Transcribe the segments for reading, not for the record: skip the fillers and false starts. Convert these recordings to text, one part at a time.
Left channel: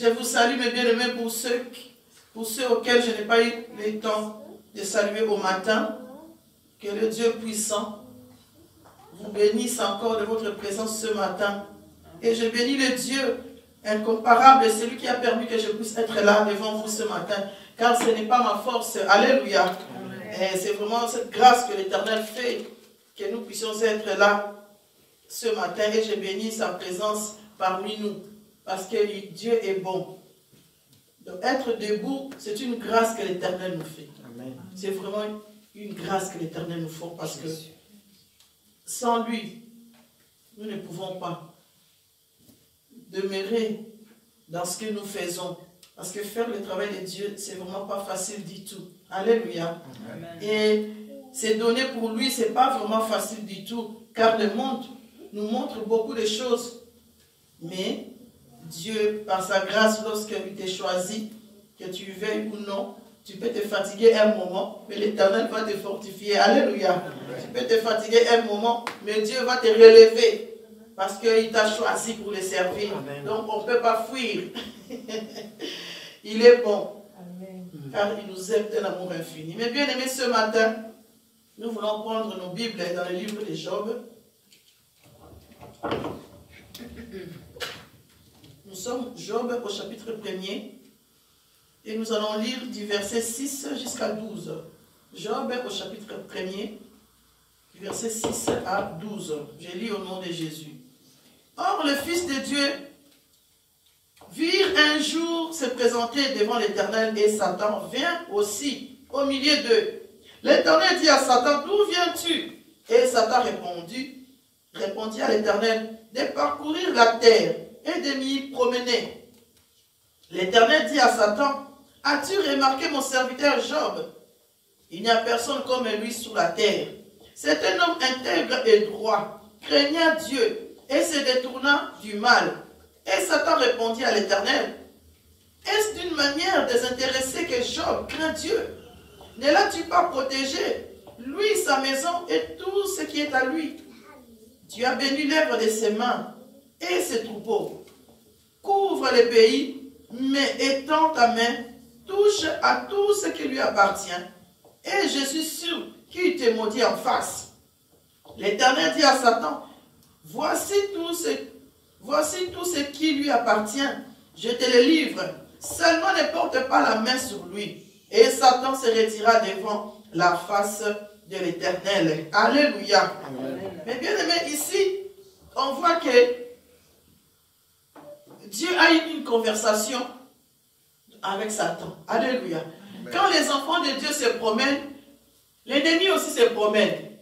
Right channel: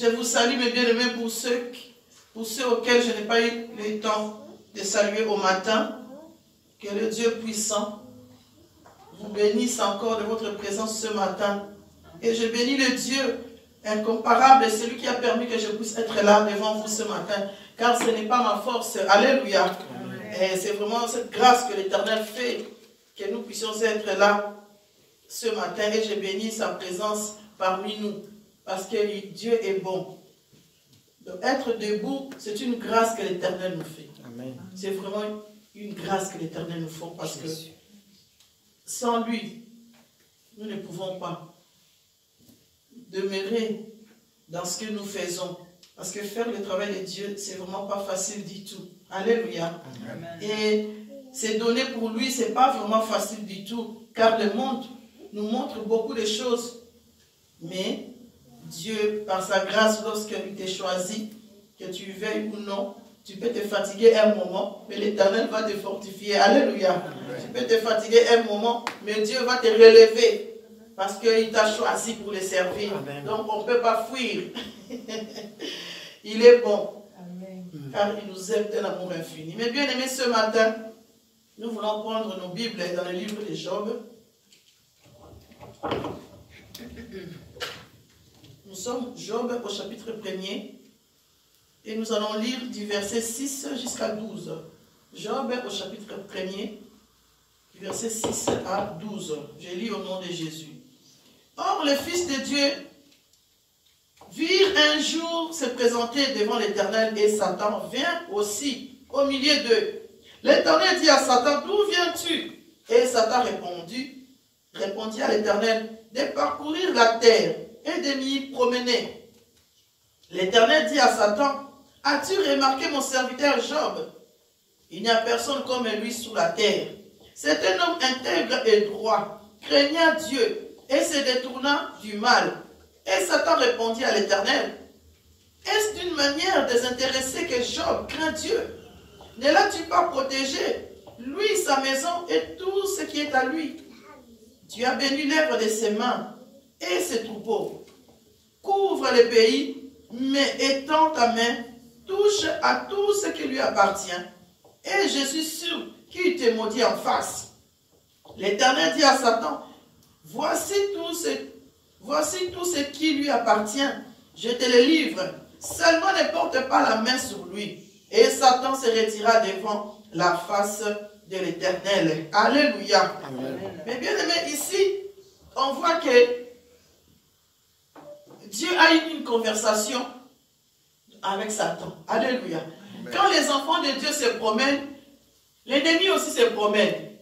Je vous salue, mes bien-aimés, pour ceux auxquels je n'ai pas eu le temps de saluer au matin. Que le Dieu puissant vous bénisse encore de votre présence ce matin. Et je bénis le Dieu incomparable, celui qui a permis que je puisse être là devant vous ce matin. Car ce n'est pas ma force. Alléluia. C'est vraiment cette grâce que l'Éternel fait que nous puissions être là ce matin. Et je bénis sa présence parmi nous. Parce que Dieu est bon. Donc être debout, c'est une grâce que l'Éternel nous fait. C'est vraiment une grâce que l'Éternel nous fait. Parce que sans lui, nous ne pouvons pas demeurer dans ce que nous faisons. Parce que faire le travail de Dieu, c'est vraiment pas facile du tout. Alléluia. Amen. Et c'est donné pour lui, c'est pas vraiment facile du tout. Car le monde nous montre beaucoup de choses. Mais Dieu, par sa grâce, lorsqu'il t'a choisi, que tu veuilles ou non, tu peux te fatiguer un moment, mais l'Éternel va te fortifier. Alléluia. Amen. Tu peux te fatiguer un moment, mais Dieu va te relever. Parce qu'il t'a choisi pour le servir. Amen. Donc on ne peut pas fuir. Il est bon. Amen. Car il nous aime d'un amour infini. Mais bien aimés, ce matin, nous voulons prendre nos Bibles dans le livre de Job. Nous sommes Job au chapitre 1er. Et nous allons lire du verset 6 jusqu'à 12. Job au chapitre 1er, verset 6 à 12. Je lis au nom de Jésus. Or, le Fils de Dieu virent un jour se présenter devant l'Éternel et Satan vient aussi au milieu d'eux. L'Éternel dit à Satan, d'où viens-tu? Et Satan répondit à l'Éternel, de parcourir la terre et de m'y promener. L'Éternel dit à Satan, as-tu remarqué mon serviteur Job? Il n'y a personne comme lui sur la terre. C'est un homme intègre et droit, craignant Dieu et se détournant du mal. Et Satan répondit à l'Éternel, est-ce d'une manière désintéressée que Job craint Dieu? Ne l'as-tu pas protégé, lui, sa maison et tout ce qui est à lui? Tu as béni l'œuvre de ses mains et ses troupeaux. Couvre le pays, mais étends ta main, touche à tout ce qui lui appartient. Et je suis sûr qu'il te maudit en face. L'Éternel dit à Satan, voici tout ce qui lui appartient. Je te le livre. Seulement ne porte pas la main sur lui. Et Satan se retira devant la face de l'Éternel. Alléluia. Amen. Mais bien aimé, ici, on voit que Dieu a eu une conversation avec Satan. Alléluia. Amen. Quand les enfants de Dieu se promènent, l'ennemi aussi se promène.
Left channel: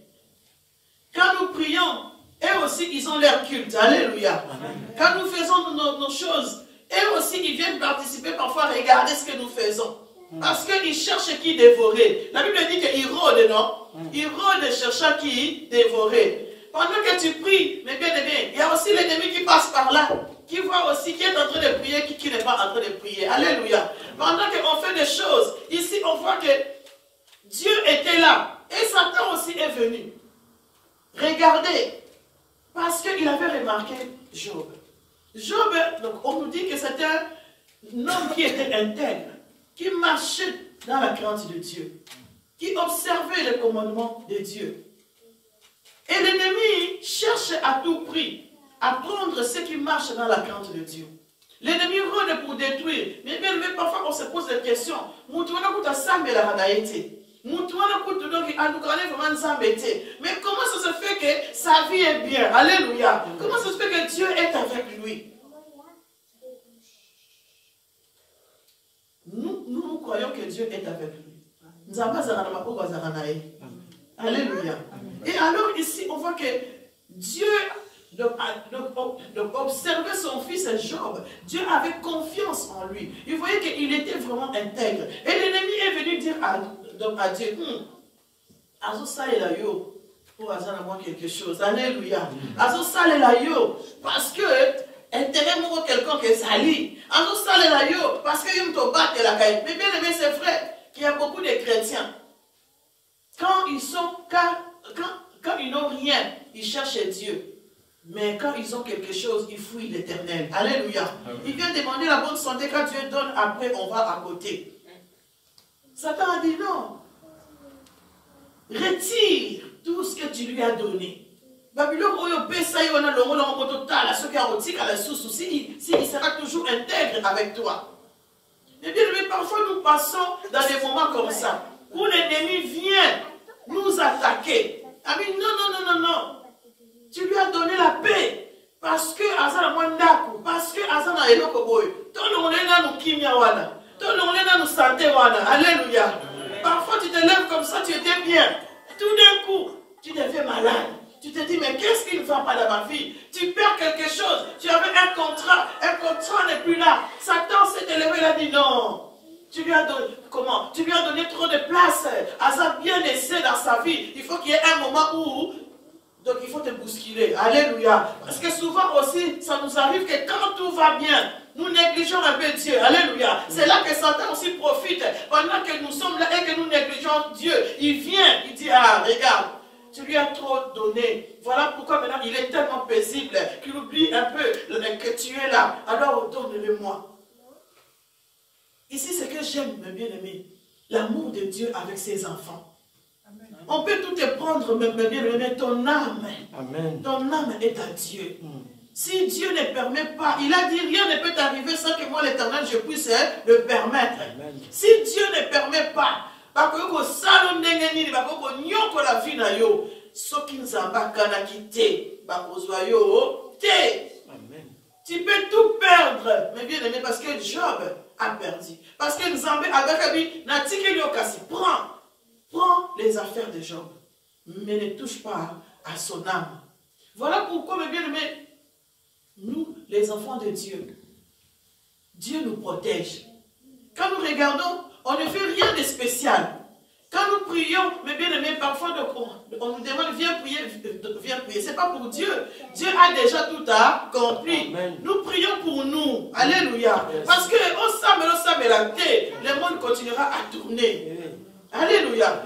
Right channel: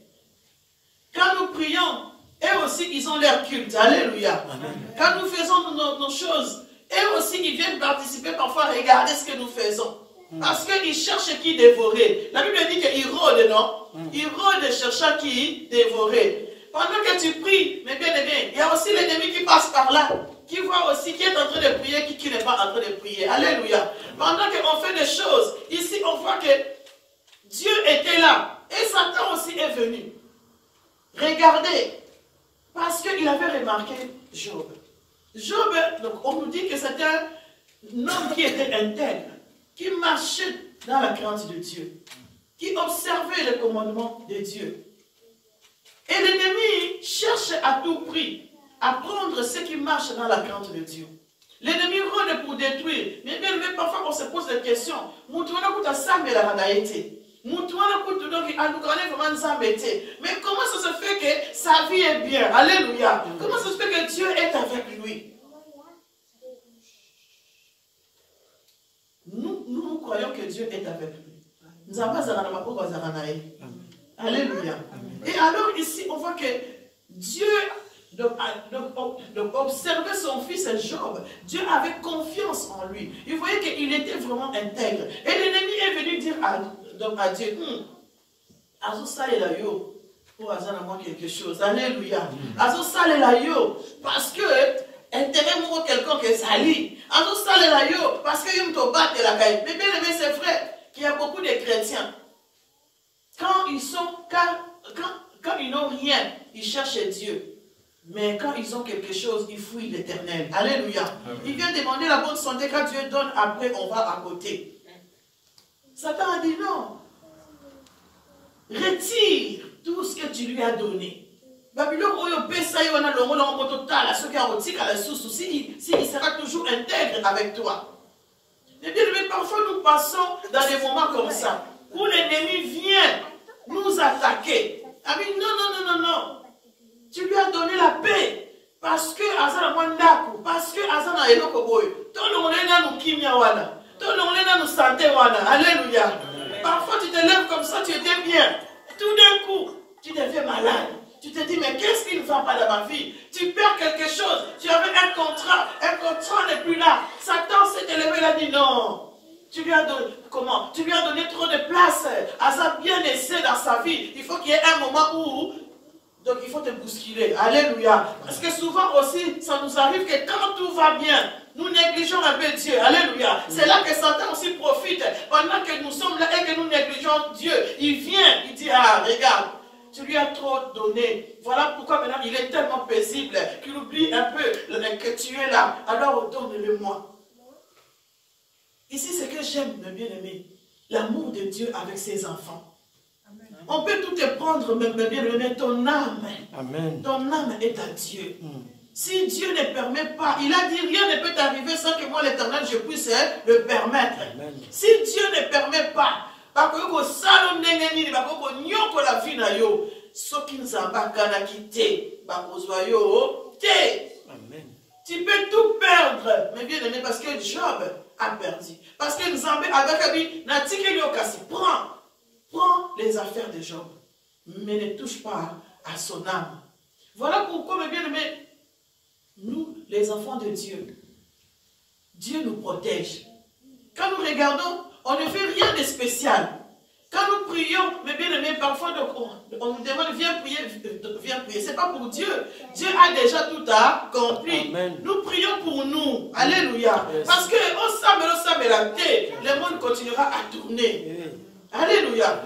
Quand nous prions, eux aussi, ils ont leur culte. Alléluia. Amen. Quand nous faisons nos choses, eux aussi, ils viennent participer, parfois regarder ce que nous faisons. Parce qu'ils cherchent qui dévorer. La Bible dit qu'ils rôdent, non? Ils rôdent cherchant qui dévorer. Pendant que tu pries, mais bien aimé, il y a aussi l'ennemi qui passe par là, qui voit aussi qui est en train de prier, qui n'est pas en train de prier. Alléluia. Pendant qu'on fait des choses, ici on voit que Dieu était là. Et Satan aussi est venu. Regardez. Parce qu'il avait remarqué Job. Job, donc on nous dit que c'était un homme qui était intègre, qui marchait dans la crainte de Dieu, qui observait le commandement de Dieu. Et l'ennemi cherche à tout prix à prendre ce qui marche dans la crainte de Dieu. L'ennemi rôde pour détruire. Mais bien, parfois on se pose des questions. Mais comment ça se fait que sa vie est bien? Alléluia. Comment ça se fait que Dieu est avec lui? Nous croyons que Dieu est avec lui. Alléluia. Et alors ici, on voit que Dieu, donc observait son fils Job. Dieu avait confiance en lui. Il voyait qu'il était vraiment intègre. Et l'ennemi est venu dire à Dieu, quelque chose. Alléluia. Parce que intérêt pour quelqu'un qui est sali. Parce que il te bat la caille. Mais bien aimé, c'est vrai qu'il y a beaucoup de chrétiens. Quand ils n'ont rien, ils cherchent Dieu. Mais quand ils ont quelque chose, ils fouillent l'Éternel. Alléluia. Il vient demander la bonne santé quand Dieu donne, après on va à côté. Satan a dit non. Retire tout ce que tu lui as donné. Il sera toujours intègre avec toi. Mais bien, parfois nous passons dans des moments comme ça, où l'ennemi vient nous attaquer. Ah mais non. Tu lui as donné la paix. Parce que Azana Mwandaku, parce que Azana Elokoboy, tout le monde est dans nous kimia wana, tout le monde est dans nous santé wana. Alléluia. Parfois tu te lèves comme ça, tu étais bien. Tout d'un coup, tu deviens malade. Tu te dis, mais qu'est-ce qui ne va pas dans ma vie? Tu perds quelque chose. Tu avais un contrat n'est plus là. Satan s'est élevé, il a dit non. Tu lui as donné, comment? Tu lui as donné trop de place. Azan bien laissé dans sa vie. Il faut qu'il y ait un moment où, donc il faut te bousculer. Alléluia. Parce que souvent aussi, ça nous arrive que quand tout va bien, nous négligeons un peu Dieu. Alléluia. C'est là que Satan aussi profite. Pendant que nous sommes là et que nous négligeons Dieu, il vient, il dit, ah, regarde. Tu lui as trop donné. Voilà pourquoi maintenant il est tellement paisible qu'il oublie un peu que tu es là. Alors donne-le-moi. Ici, c'est que j'aime, mes bien-aimés, l'amour de Dieu avec ses enfants. Amen. On peut tout te prendre, mes bien-aimés, ton âme. Amen. Ton âme est à Dieu. Si Dieu ne permet pas, il a dit rien ne peut t'arriver sans que moi, l'Éternel, je puisse le permettre. Amen. Si Dieu ne permet pas, tu peux tout perdre, mais bien aimé, parce que Job a perdu. Parce que Nzambé prends les affaires de Job, mais ne touche pas à son âme. Voilà pourquoi, mes bien aimés, nous, les enfants de Dieu, Dieu nous protège. Quand nous regardons, on ne fait rien de spécial. Quand nous prions, mes bien-aimés, parfois on nous demande viens prier. Ce n'est pas pour Dieu. Dieu a déjà tout accompli. Amen. Nous prions pour nous. Alléluia. Yes. Parce que le monde continuera à tourner. Alléluia.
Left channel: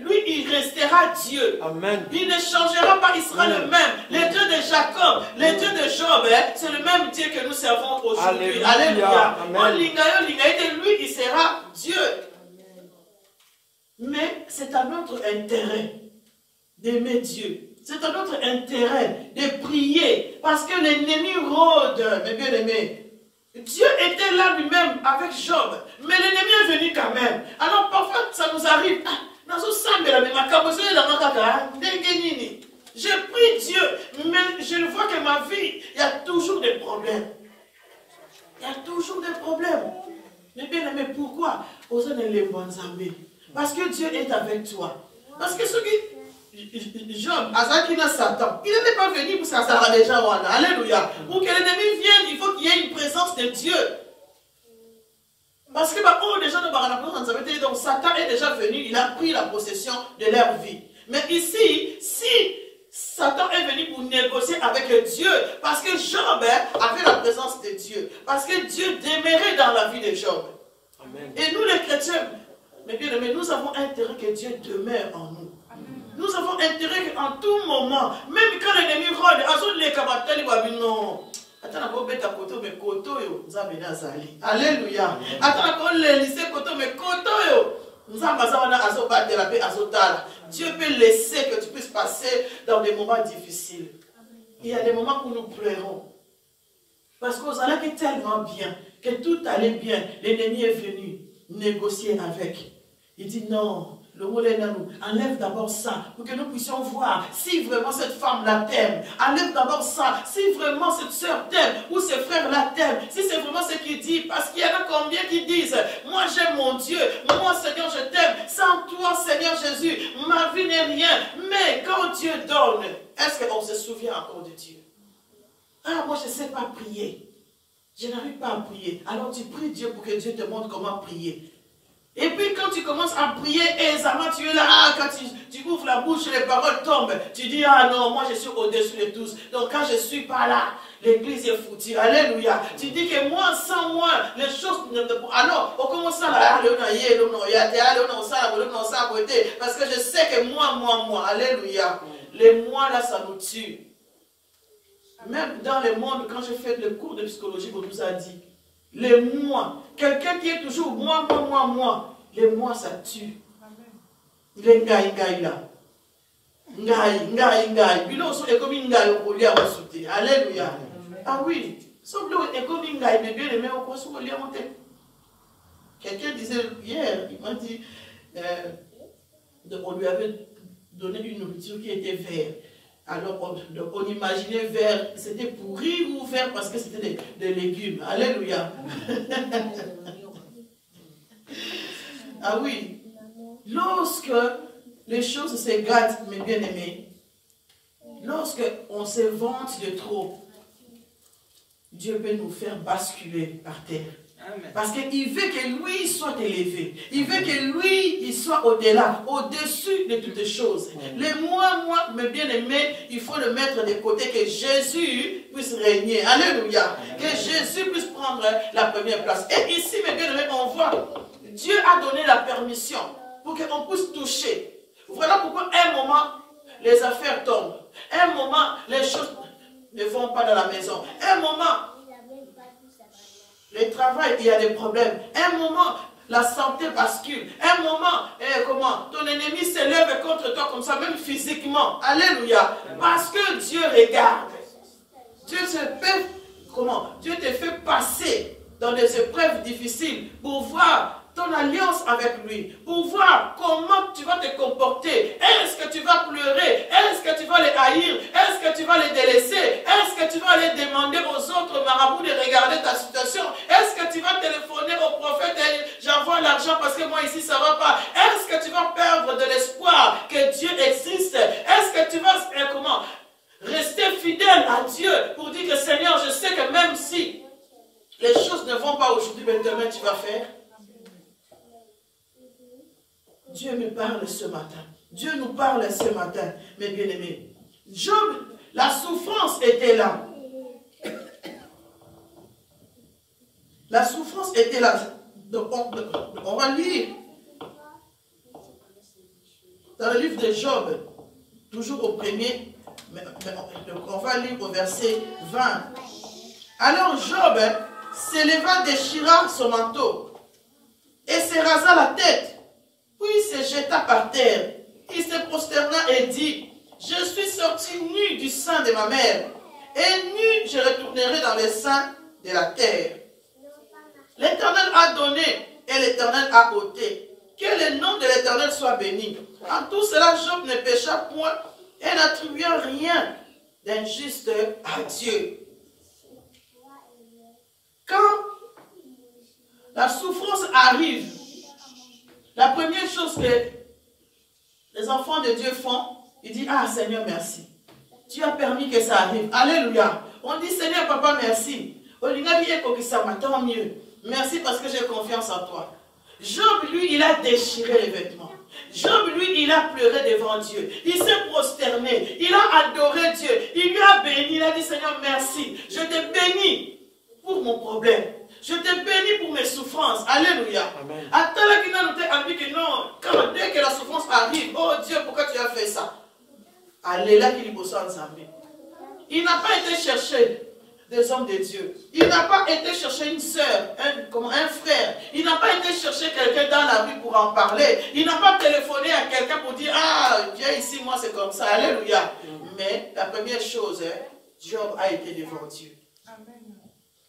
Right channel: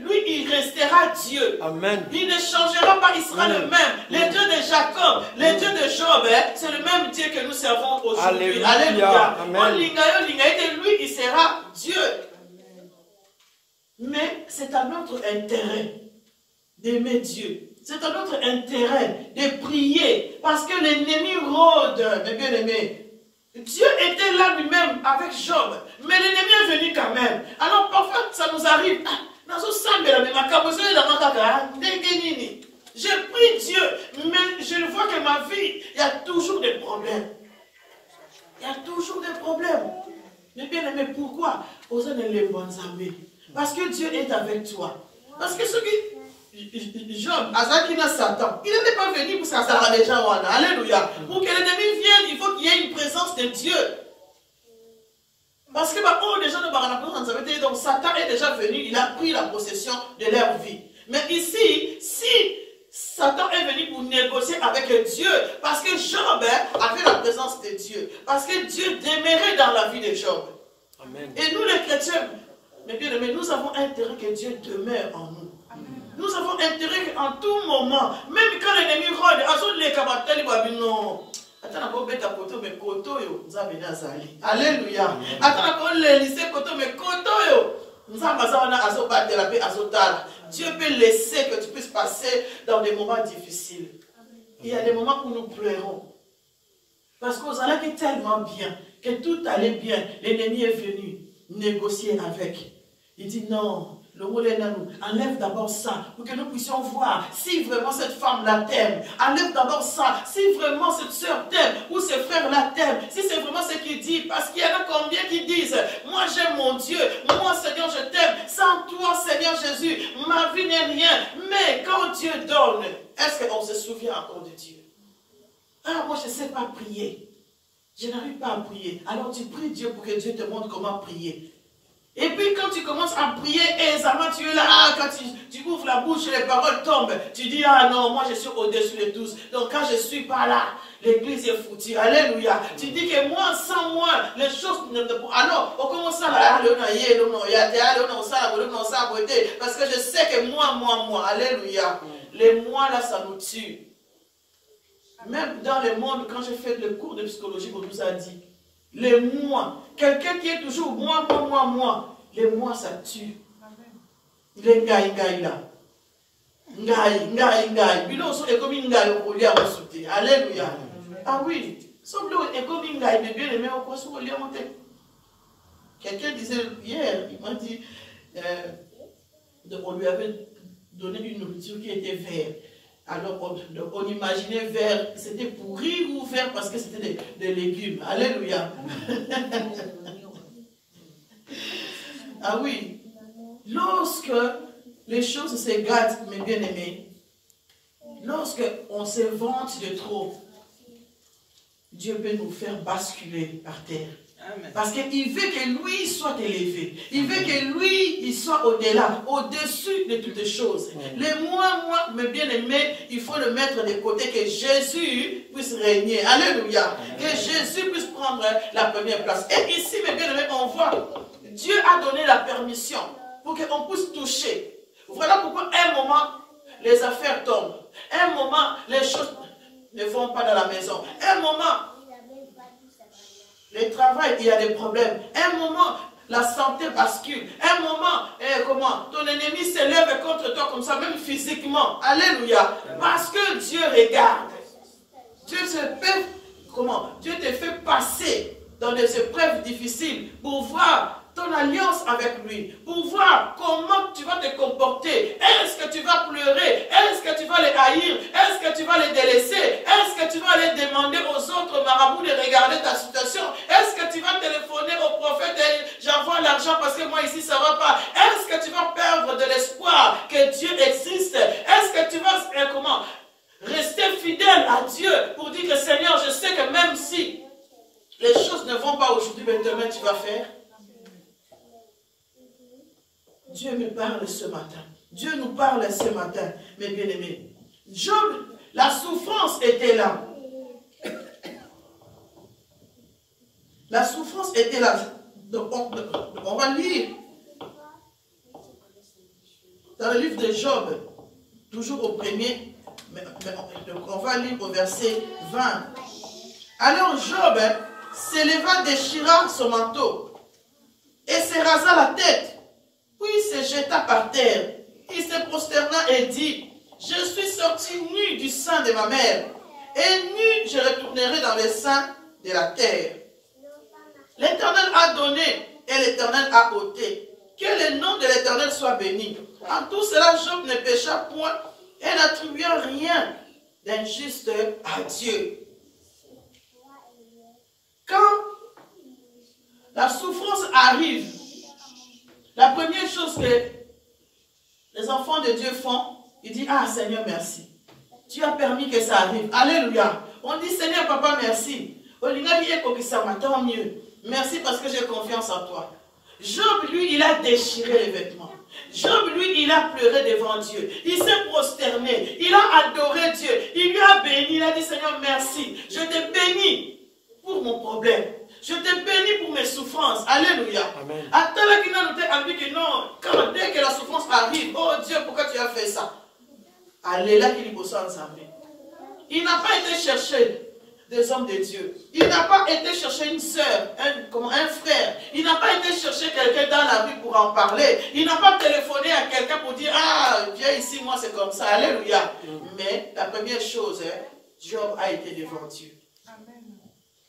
Lui, il restera Dieu. Amen. Il ne changera pas, il sera le même. Le Dieu de Jacob, le Dieu de Job, c'est le même Dieu que nous servons aujourd'hui. Alléluia. Lui, il sera Dieu. Mais c'est à notre intérêt d'aimer Dieu. C'est à notre intérêt de prier. Parce que l'ennemi rôde, mes bien-aimés. Dieu était là lui-même avec Job, mais l'ennemi est venu quand même. Alors parfois ça nous arrive. J'ai pris Dieu, mais je vois que ma vie, il y a toujours des problèmes. Il y a toujours des problèmes. Mais bien aimé, pourquoi? Parce que Dieu est avec toi. Parce que ce qui... Job, Azakina Satan, il n'était pas venu pour s'asseoir les gens. Alléluia. Pour que l'ennemi vienne, il faut qu'il y ait une présence de Dieu. Parce que donc Satan est déjà venu, il a pris la possession de leur vie. Mais ici, si Satan est venu pour négocier avec Dieu, parce que Job avait la présence de Dieu, parce que Dieu demeurait dans la vie de Job. Amen. Et nous les chrétiens, mais bien aimés, nous avons intérêt que Dieu demeure en nous. Nous avons intérêt qu'en tout moment, même quand l'ennemi rôde, alléluia. Dieu peut laisser que tu puisses passer dans des moments difficiles. Il y a des moments où nous pleurons. Parce qu'on s'en est tellement bien, que tout allait bien. L'ennemi est venu négocier avec. Il dit non. Le enlève d'abord ça pour que nous puissions voir si vraiment cette femme-là t'aime. Enlève d'abord ça si vraiment cette soeur t'aime ou ce frère-là t'aime. Si c'est vraiment ce qu'il dit. Parce qu'il y en a combien qui disent moi j'aime mon Dieu. Moi Seigneur je t'aime. Sans toi Seigneur Jésus ma vie n'est rien. Mais quand Dieu donne, est-ce qu'on se souvient encore de Dieu? Ah moi je ne sais pas prier. Je n'arrive pas à prier. Alors tu pries Dieu pour que Dieu te montre comment prier. Et puis quand tu commences à prier aisément, tu es là, quand tu ouvres la bouche, les paroles tombent. Tu dis, ah non, moi je suis au-dessus de tous. Donc quand je ne suis pas là, l'église est foutue. Alléluia. Tu dis que moi, sans moi, les choses ne... Alors, on commence à... Parce que je sais que moi. Alléluia. Les moi, là, ça nous tue. Même dans le monde, quand j'ai fait le cours de psychologie, on nous a dit, les moi, quelqu'un qui est toujours moi, les moi, ça tue. Les ngai là. Ngai. Bilo so est comme ngai au collier à sauter. Alléluia. Ah oui. So bilo est comme ngai, mais bien aimé au quoi sur collier à monter. Quelqu'un disait hier, il m'a dit, on lui avait donné une nourriture qui était verte. Alors on imaginait vert, c'était pourri ou vert parce que c'était des légumes. Alléluia. Ah oui. Lorsque les choses se gâtent, mes bien-aimés, lorsque on se vante de trop, Dieu peut nous faire basculer par terre. Amen. Parce qu'il veut que lui soit élevé. Il veut que lui, il soit au-delà, au-dessus de toutes les choses. Les moi, mes bien-aimés, il faut le mettre de côté, que Jésus puisse régner. Alléluia. Que Jésus puisse prendre la première place. Et ici, mes bien-aimés, on voit, Dieu a donné la permission pour qu'on puisse toucher. Voilà pourquoi, à un moment, les affaires tombent. À un moment, les choses ne vont pas dans la maison. À un moment, le travail, il y a des problèmes. Un moment, la santé bascule. Un moment, ton ennemi s'élève contre toi comme ça, même physiquement. Alléluia. Parce que Dieu regarde. Dieu te fait passer dans des épreuves difficiles pour voir ton alliance avec lui, pour voir comment tu vas te comporter. Est-ce que tu vas pleurer? Est-ce que tu vas les haïr? Est-ce que tu vas les délaisser? Est-ce que tu vas aller demander aux autres marabouts de regarder ta situation? Est-ce que tu vas téléphoner au prophète et j'envoie l'argent parce que moi ici ça ne va pas? Est-ce que tu vas perdre de l'espoir que Dieu existe? Est-ce que tu vas rester fidèle à Dieu pour dire que Seigneur, je sais que même si les choses ne vont pas aujourd'hui, mais demain tu vas faire? Dieu me parle ce matin. Dieu nous parle ce matin, mes bien-aimés. Job, la souffrance était là. La souffrance était là. Donc, on va lire dans le livre de Job, toujours au premier, on va lire au verset 20. Alors Job s'éleva, déchira son manteau et se rasa la tête. Puis il se jeta par terre. Il se prosterna et dit, je suis sorti nu du sein de ma mère, et nu je retournerai dans le sein de la terre. L'Éternel a donné et l'Éternel a ôté. Que le nom de l'Éternel soit béni. En tout cela, Job ne pécha point et n'attribua rien d'injuste à Dieu. Quand la souffrance arrive, la première chose que les enfants de Dieu font, ils disent, ah Seigneur, merci. Tu as permis que ça arrive. Alléluia. On dit, Seigneur, papa, merci. Tant mieux. Merci parce que j'ai confiance en toi. Job, lui, il a déchiré les vêtements. Job, lui, il a pleuré devant Dieu. Il s'est prosterné. Il a adoré Dieu. Il lui a béni. Il a dit, Seigneur, merci. Je te bénis pour mon problème. Je te bénis pour mes souffrances. Alléluia. Dès que la souffrance arrive, oh Dieu, pourquoi tu as fait ça? Alléluia. Il n'a pas été chercher des hommes de Dieu. Il n'a pas été chercher une sœur, un frère. Il n'a pas été chercher quelqu'un dans la rue pour en parler. Il n'a pas téléphoné à quelqu'un pour dire, ah, viens ici, moi c'est comme ça. Alléluia. Mais la première chose, Job a été devant Dieu. Amen.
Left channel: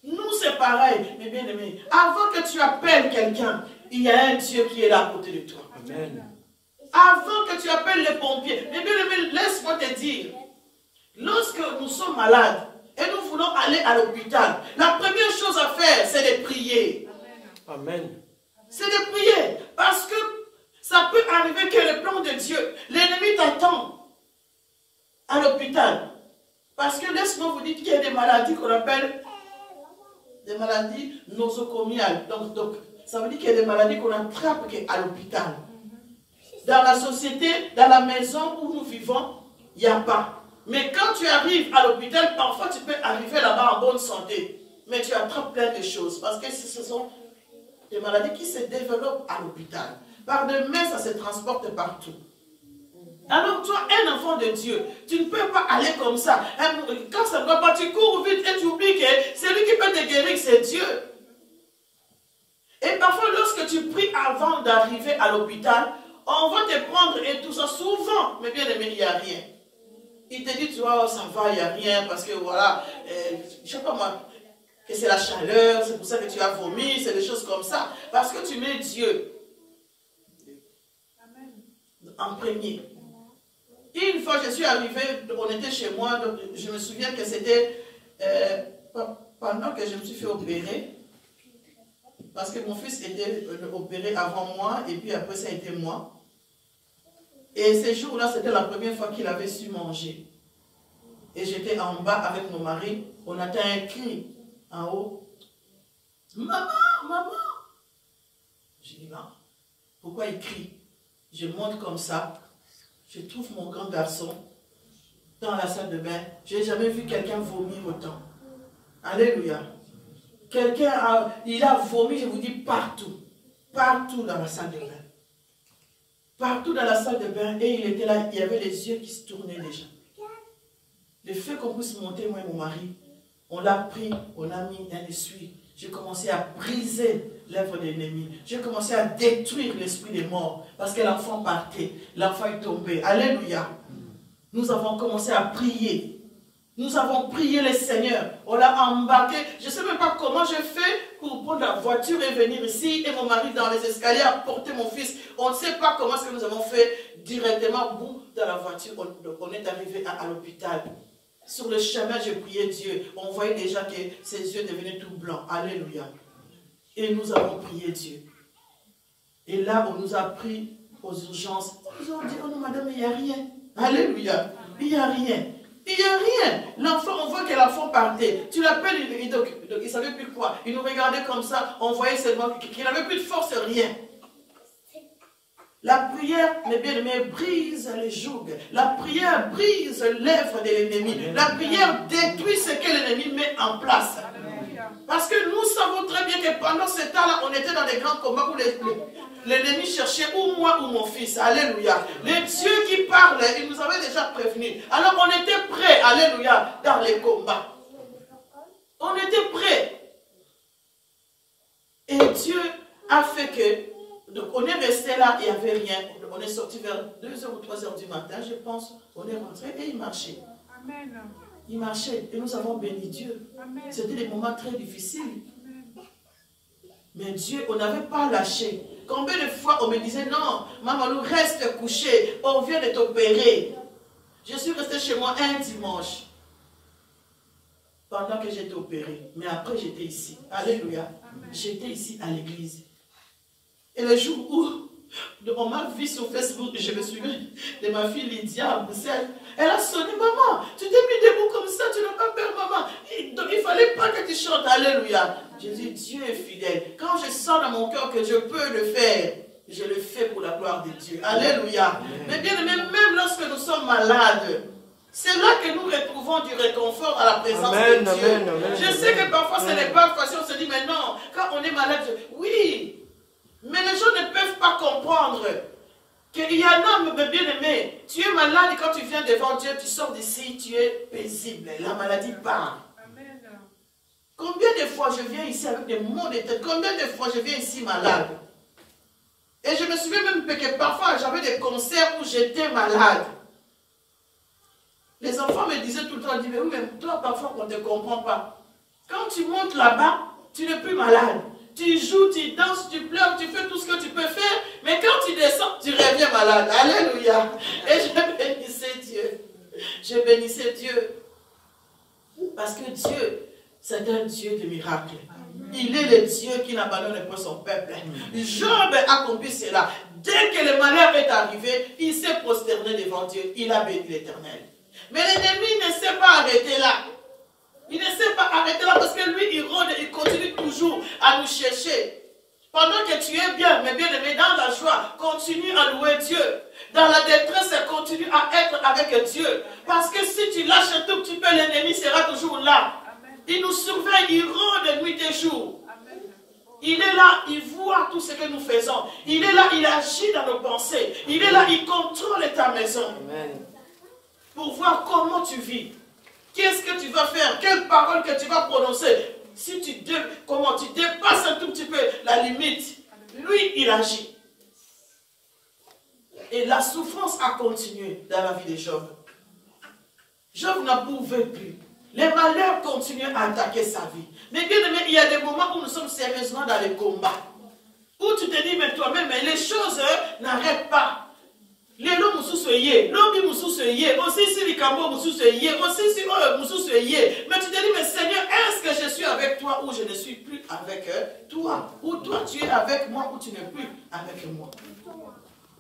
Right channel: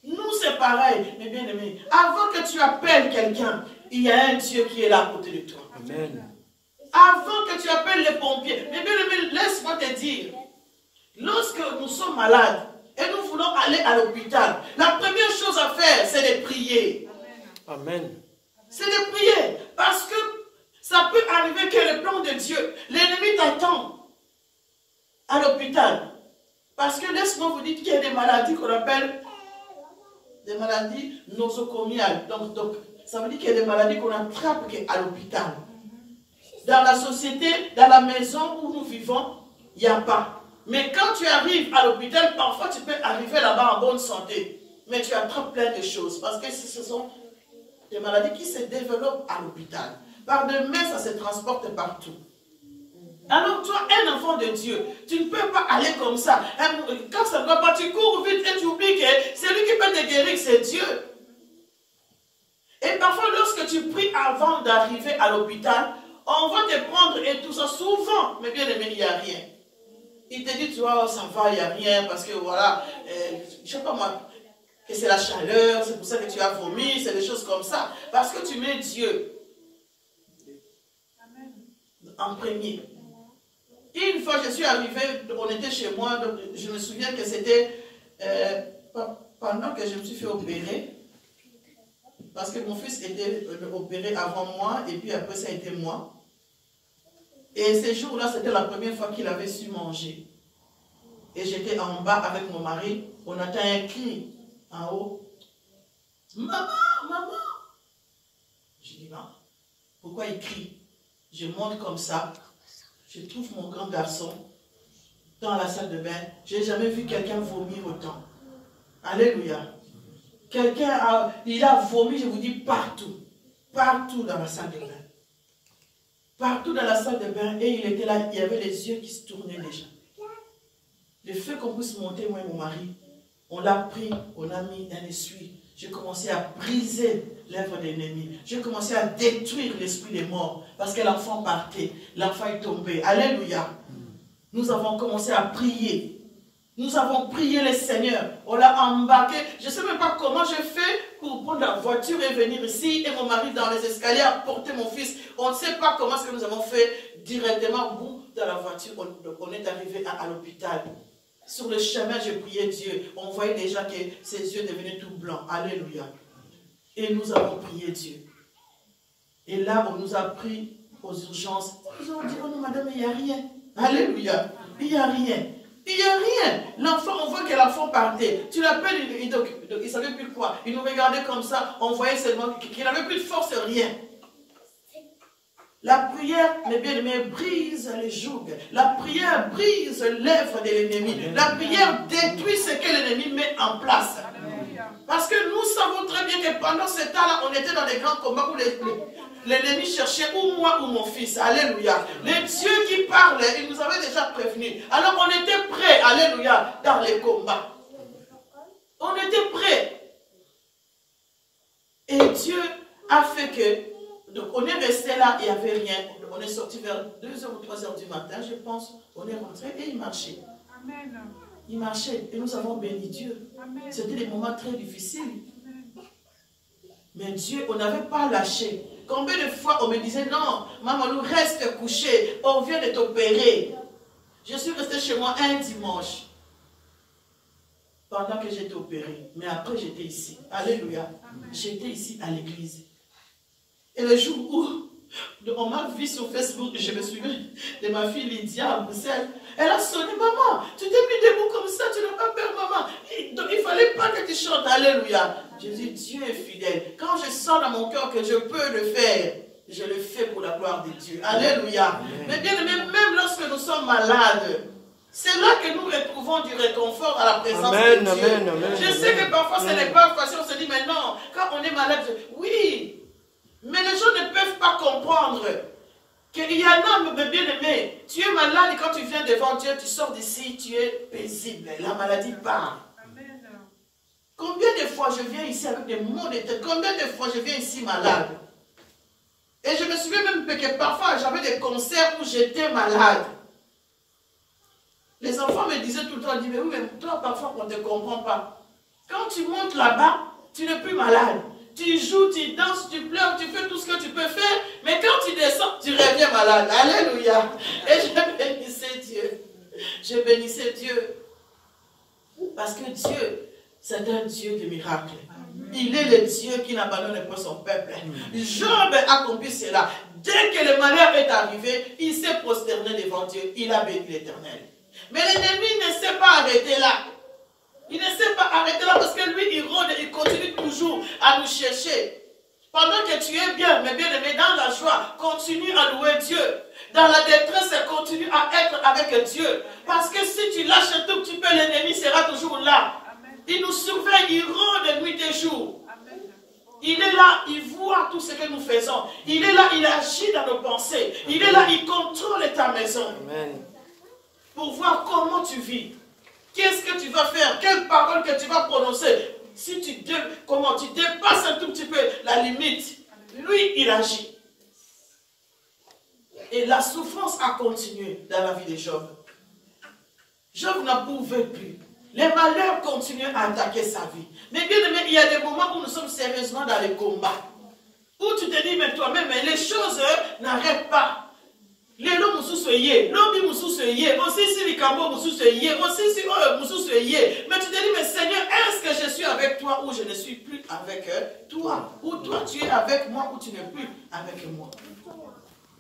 Nous, c'est pareil, mes bien-aimés. Avant que tu appelles quelqu'un, il y a un Dieu qui est là à côté de toi. Amen. Avant que tu appelles les pompiers, mes bien-aimés, laisse-moi te dire, lorsque nous sommes malades et nous voulons aller à l'hôpital, la première chose à faire, c'est de prier. Amen. C'est de prier. Parce que ça peut arriver que le plan de Dieu, l'ennemi t'attend à l'hôpital. Parce que laisse-moi vous dire qu'il y a des maladies qu'on appelle des maladies nosocomiales. Donc, ça veut dire qu'il y a des maladies qu'on attrape à l'hôpital. Dans la société, dans la maison où nous vivons, il n'y a pas. Mais quand tu arrives à l'hôpital, parfois tu peux arriver là-bas en bonne santé. Mais tu attrapes plein de choses. Parce que ce sont des maladies qui se développent à l'hôpital. Par demain, ça se transporte partout. Alors toi, un enfant de Dieu, tu ne peux pas aller comme ça. Quand ça ne va pas, tu cours vite et tu oublies que c'est lui qui peut te guérir, c'est Dieu. Et parfois, lorsque tu pries avant d'arriver à l'hôpital, on va te prendre et tout ça souvent. Mais bien aimé, il n'y a rien. Il te dit, tu vois, ça va, il n'y a rien, parce que voilà, je ne sais pas moi, que c'est la chaleur, c'est pour ça que tu as vomi, c'est des choses comme ça. Parce que tu mets Dieu en premier. Une fois, je suis arrivée, on était chez moi, donc je me souviens que c'était pendant que je me suis fait opérer, parce que mon fils était opéré avant moi, et puis après ça a été moi. Et ces jours-là, c'était la première fois qu'il avait su manger. Et j'étais en bas avec mon mari, on entend un cri en haut. Maman, maman! Je dis, bah, pourquoi il crie? Je monte comme ça. Je trouve mon grand garçon dans la salle de bain. Je n'ai jamais vu quelqu'un vomir autant. Alléluia. Quelqu'un il a vomi, je vous dis, partout. Partout dans la salle de bain. Partout dans la salle de bain. Et il était là, il y avait les yeux qui se tournaient déjà. Le fait qu'on puisse monter, moi et mon mari, on l'a pris, on a mis un essuie. J'ai commencé à briser l'œuvre de l'ennemi. J'ai commencé à détruire l'esprit des morts. Parce que l'enfant partait. L'enfant est tombé. Alléluia. Nous avons commencé à prier. Nous avons prié le Seigneur. On l'a embarqué. Je ne sais même pas comment je fais pour prendre la voiture et venir ici. Et mon mari dans les escaliers à porter mon fils. On ne sait pas comment ce que nous avons fait directement au bout de la voiture. On est arrivé à l'hôpital. Sur le chemin, je priais Dieu. On voyait déjà que ses yeux devenaient tout blancs. Alléluia. Et nous avons prié Dieu. Et là, on nous a pris aux urgences. Nous avons dit, oh non, madame, il n'y a rien. Alléluia. Il n'y a rien. Il n'y a rien. L'enfant, on voit que l'enfant partait. Tu l'appelles, il ne savait plus quoi. Il nous regardait comme ça. On voyait seulement qu'il n'avait plus de force, rien. La prière, mes bien-aimés, brise les jougs. La prière brise l'œuvre de l'ennemi. La prière détruit ce que l'ennemi met en place. Parce que nous savons très bien que pendant ce temps-là, on était dans des grands combats où l'ennemi cherchait ou moi ou mon fils. Alléluia. Les dieux qui parlent, ils nous avaient déjà prévenus. Alors on était prêts, alléluia, dans les combats. On était prêts. Et Dieu a fait que, donc on est resté là, il n'y avait rien. On est sorti vers 2h ou 3h du matin, je pense. On est rentré et il marchait. Amen. Il marchait et nous avons béni Dieu. C'était des moments très difficiles. Mais Dieu, on n'avait pas lâché. Combien de fois on me disait, non, maman, reste couché, on vient de t'opérer. Je suis restée chez moi un dimanche. Pendant que j'étais opérée. Mais après, j'étais ici. Alléluia. J'étais ici à l'église. Et le jour où on m'a vu sur Facebook, je me souviens de ma fille Lydia à Bruxelles. Elle a sonné, maman, tu t'es mis debout comme ça, tu n'as pas peur, maman. Donc il ne fallait pas que tu chantes, alléluia. J'ai dit, Dieu est fidèle. Quand je sens dans mon cœur que je peux le faire, je le fais pour la gloire de Dieu. Alléluia. Mais bien aimé, même lorsque nous sommes malades, c'est là que nous retrouvons du réconfort à la présence de Dieu. Amen. Je sais que parfois ce n'est pas facile, on se dit, mais non, quand on est malade, oui. Mais les gens ne peuvent pas comprendre qu'il y a un homme bien-aimé. Tu es malade et quand tu viens devant Dieu, tu sors d'ici, tu es paisible. La maladie part. Amen. Combien de fois je viens ici avec des maux de tête? Combien de fois je viens ici malade? Et je me souviens même que parfois j'avais des concerts où j'étais malade. Les enfants me disaient tout le temps, ils disaient, oui, mais toi parfois on ne te comprend pas. Quand tu montes là-bas, tu n'es plus malade. Tu joues, tu danses, tu pleures, tu fais tout ce que tu peux faire, mais quand tu descends, tu reviens malade. Alléluia. Et je bénissais Dieu. Je bénissais Dieu. Parce que Dieu, c'est un Dieu de miracles. Il est le Dieu qui n'abandonne pas son peuple. Job a compris cela. Dès que le malheur est arrivé, il s'est prosterné devant Dieu. Il a béni l'Éternel. Mais l'ennemi ne s'est pas arrêté là. Il ne s'est pas arrêté là parce que lui, il rôde, il continue toujours à nous chercher. Pendant que tu es bien, mais bien aimé, dans la joie, continue à louer Dieu. Dans la détresse, continue à être avec Dieu. Parce que si tu lâches un tout petit peu, l'ennemi sera toujours là. Il nous surveille, il rôde nuit et jour. Il est là, il voit tout ce que nous faisons. Il est là, il agit dans nos pensées. Il est là, il contrôle ta maison. Amen. Pour voir comment tu vis. Qu'est-ce que tu vas faire? Quelles paroles que tu vas prononcer? Si tu dépasses un tout petit peu la limite, lui, il agit. Et la souffrance a continué dans la vie de Job. Job n'en pouvait plus. Les malheurs continuent à attaquer sa vie. Mais bien aimé, il y a des moments où nous sommes sérieusement dans les combats. Où tu te dis, mais toi-même, les choses n'arrêtent pas. Les lots moussoussoyés, l'homme moussoussoyé, aussi si les cambo moussoussoyé, aussi si moussoussoyé. Mais tu te dis, mais Seigneur, est-ce que je suis avec toi ou je ne suis plus avec toi? Ou toi tu es avec moi ou tu n'es plus avec moi?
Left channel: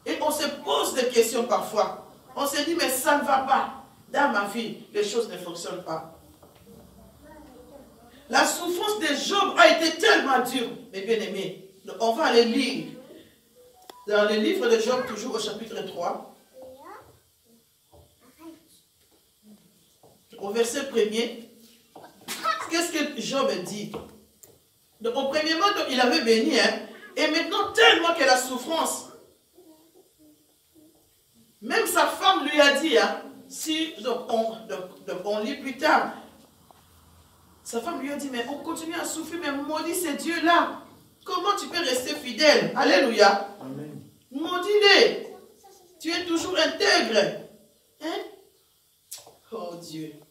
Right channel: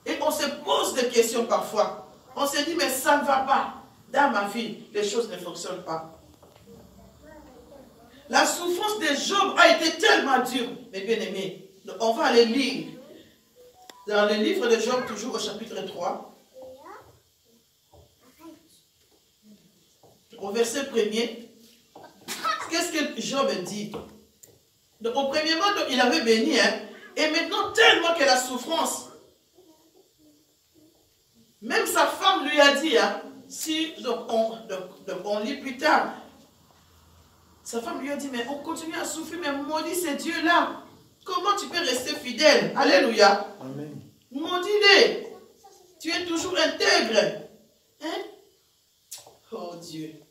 Et on se pose des questions parfois. On se dit, mais ça ne va pas. Dans ma vie, les choses ne fonctionnent pas. La souffrance de Job a été tellement dure. Mais bien aimé, on va aller lire. Dans le livre de Job, toujours au chapitre 3, au verset 1er, qu'est-ce que Job dit? Donc, au premier moment, il avait béni, et maintenant, tellement que la souffrance, même sa femme lui a dit, donc on lit plus tard, sa femme lui a dit, mais on continue à souffrir, mais maudit ces dieux-là. Comment tu peux rester fidèle? Alléluia. Amen. Maudit-les. Tu es toujours intègre. Hein? Oh Dieu.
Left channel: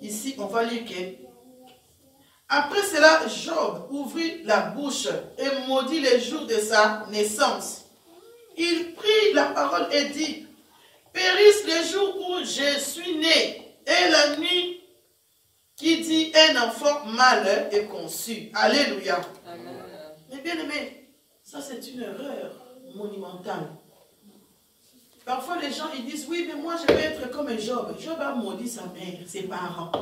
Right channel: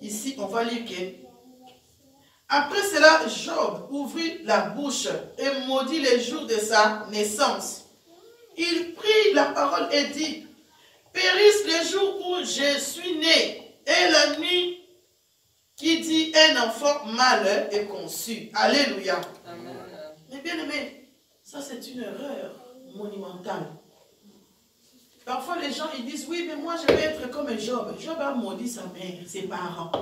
Ici, on va lire que après cela, Job ouvrit la bouche et maudit les jours de sa naissance. Il prit la parole et dit, périsse les jours où je suis né et la nuit qui dit un enfant mâle est conçu. Alléluia. Amen. Mais bien aimé, ça c'est une erreur monumentale. Parfois les gens ils disent, oui mais moi je vais être comme Job. Job a maudit sa mère, ses parents.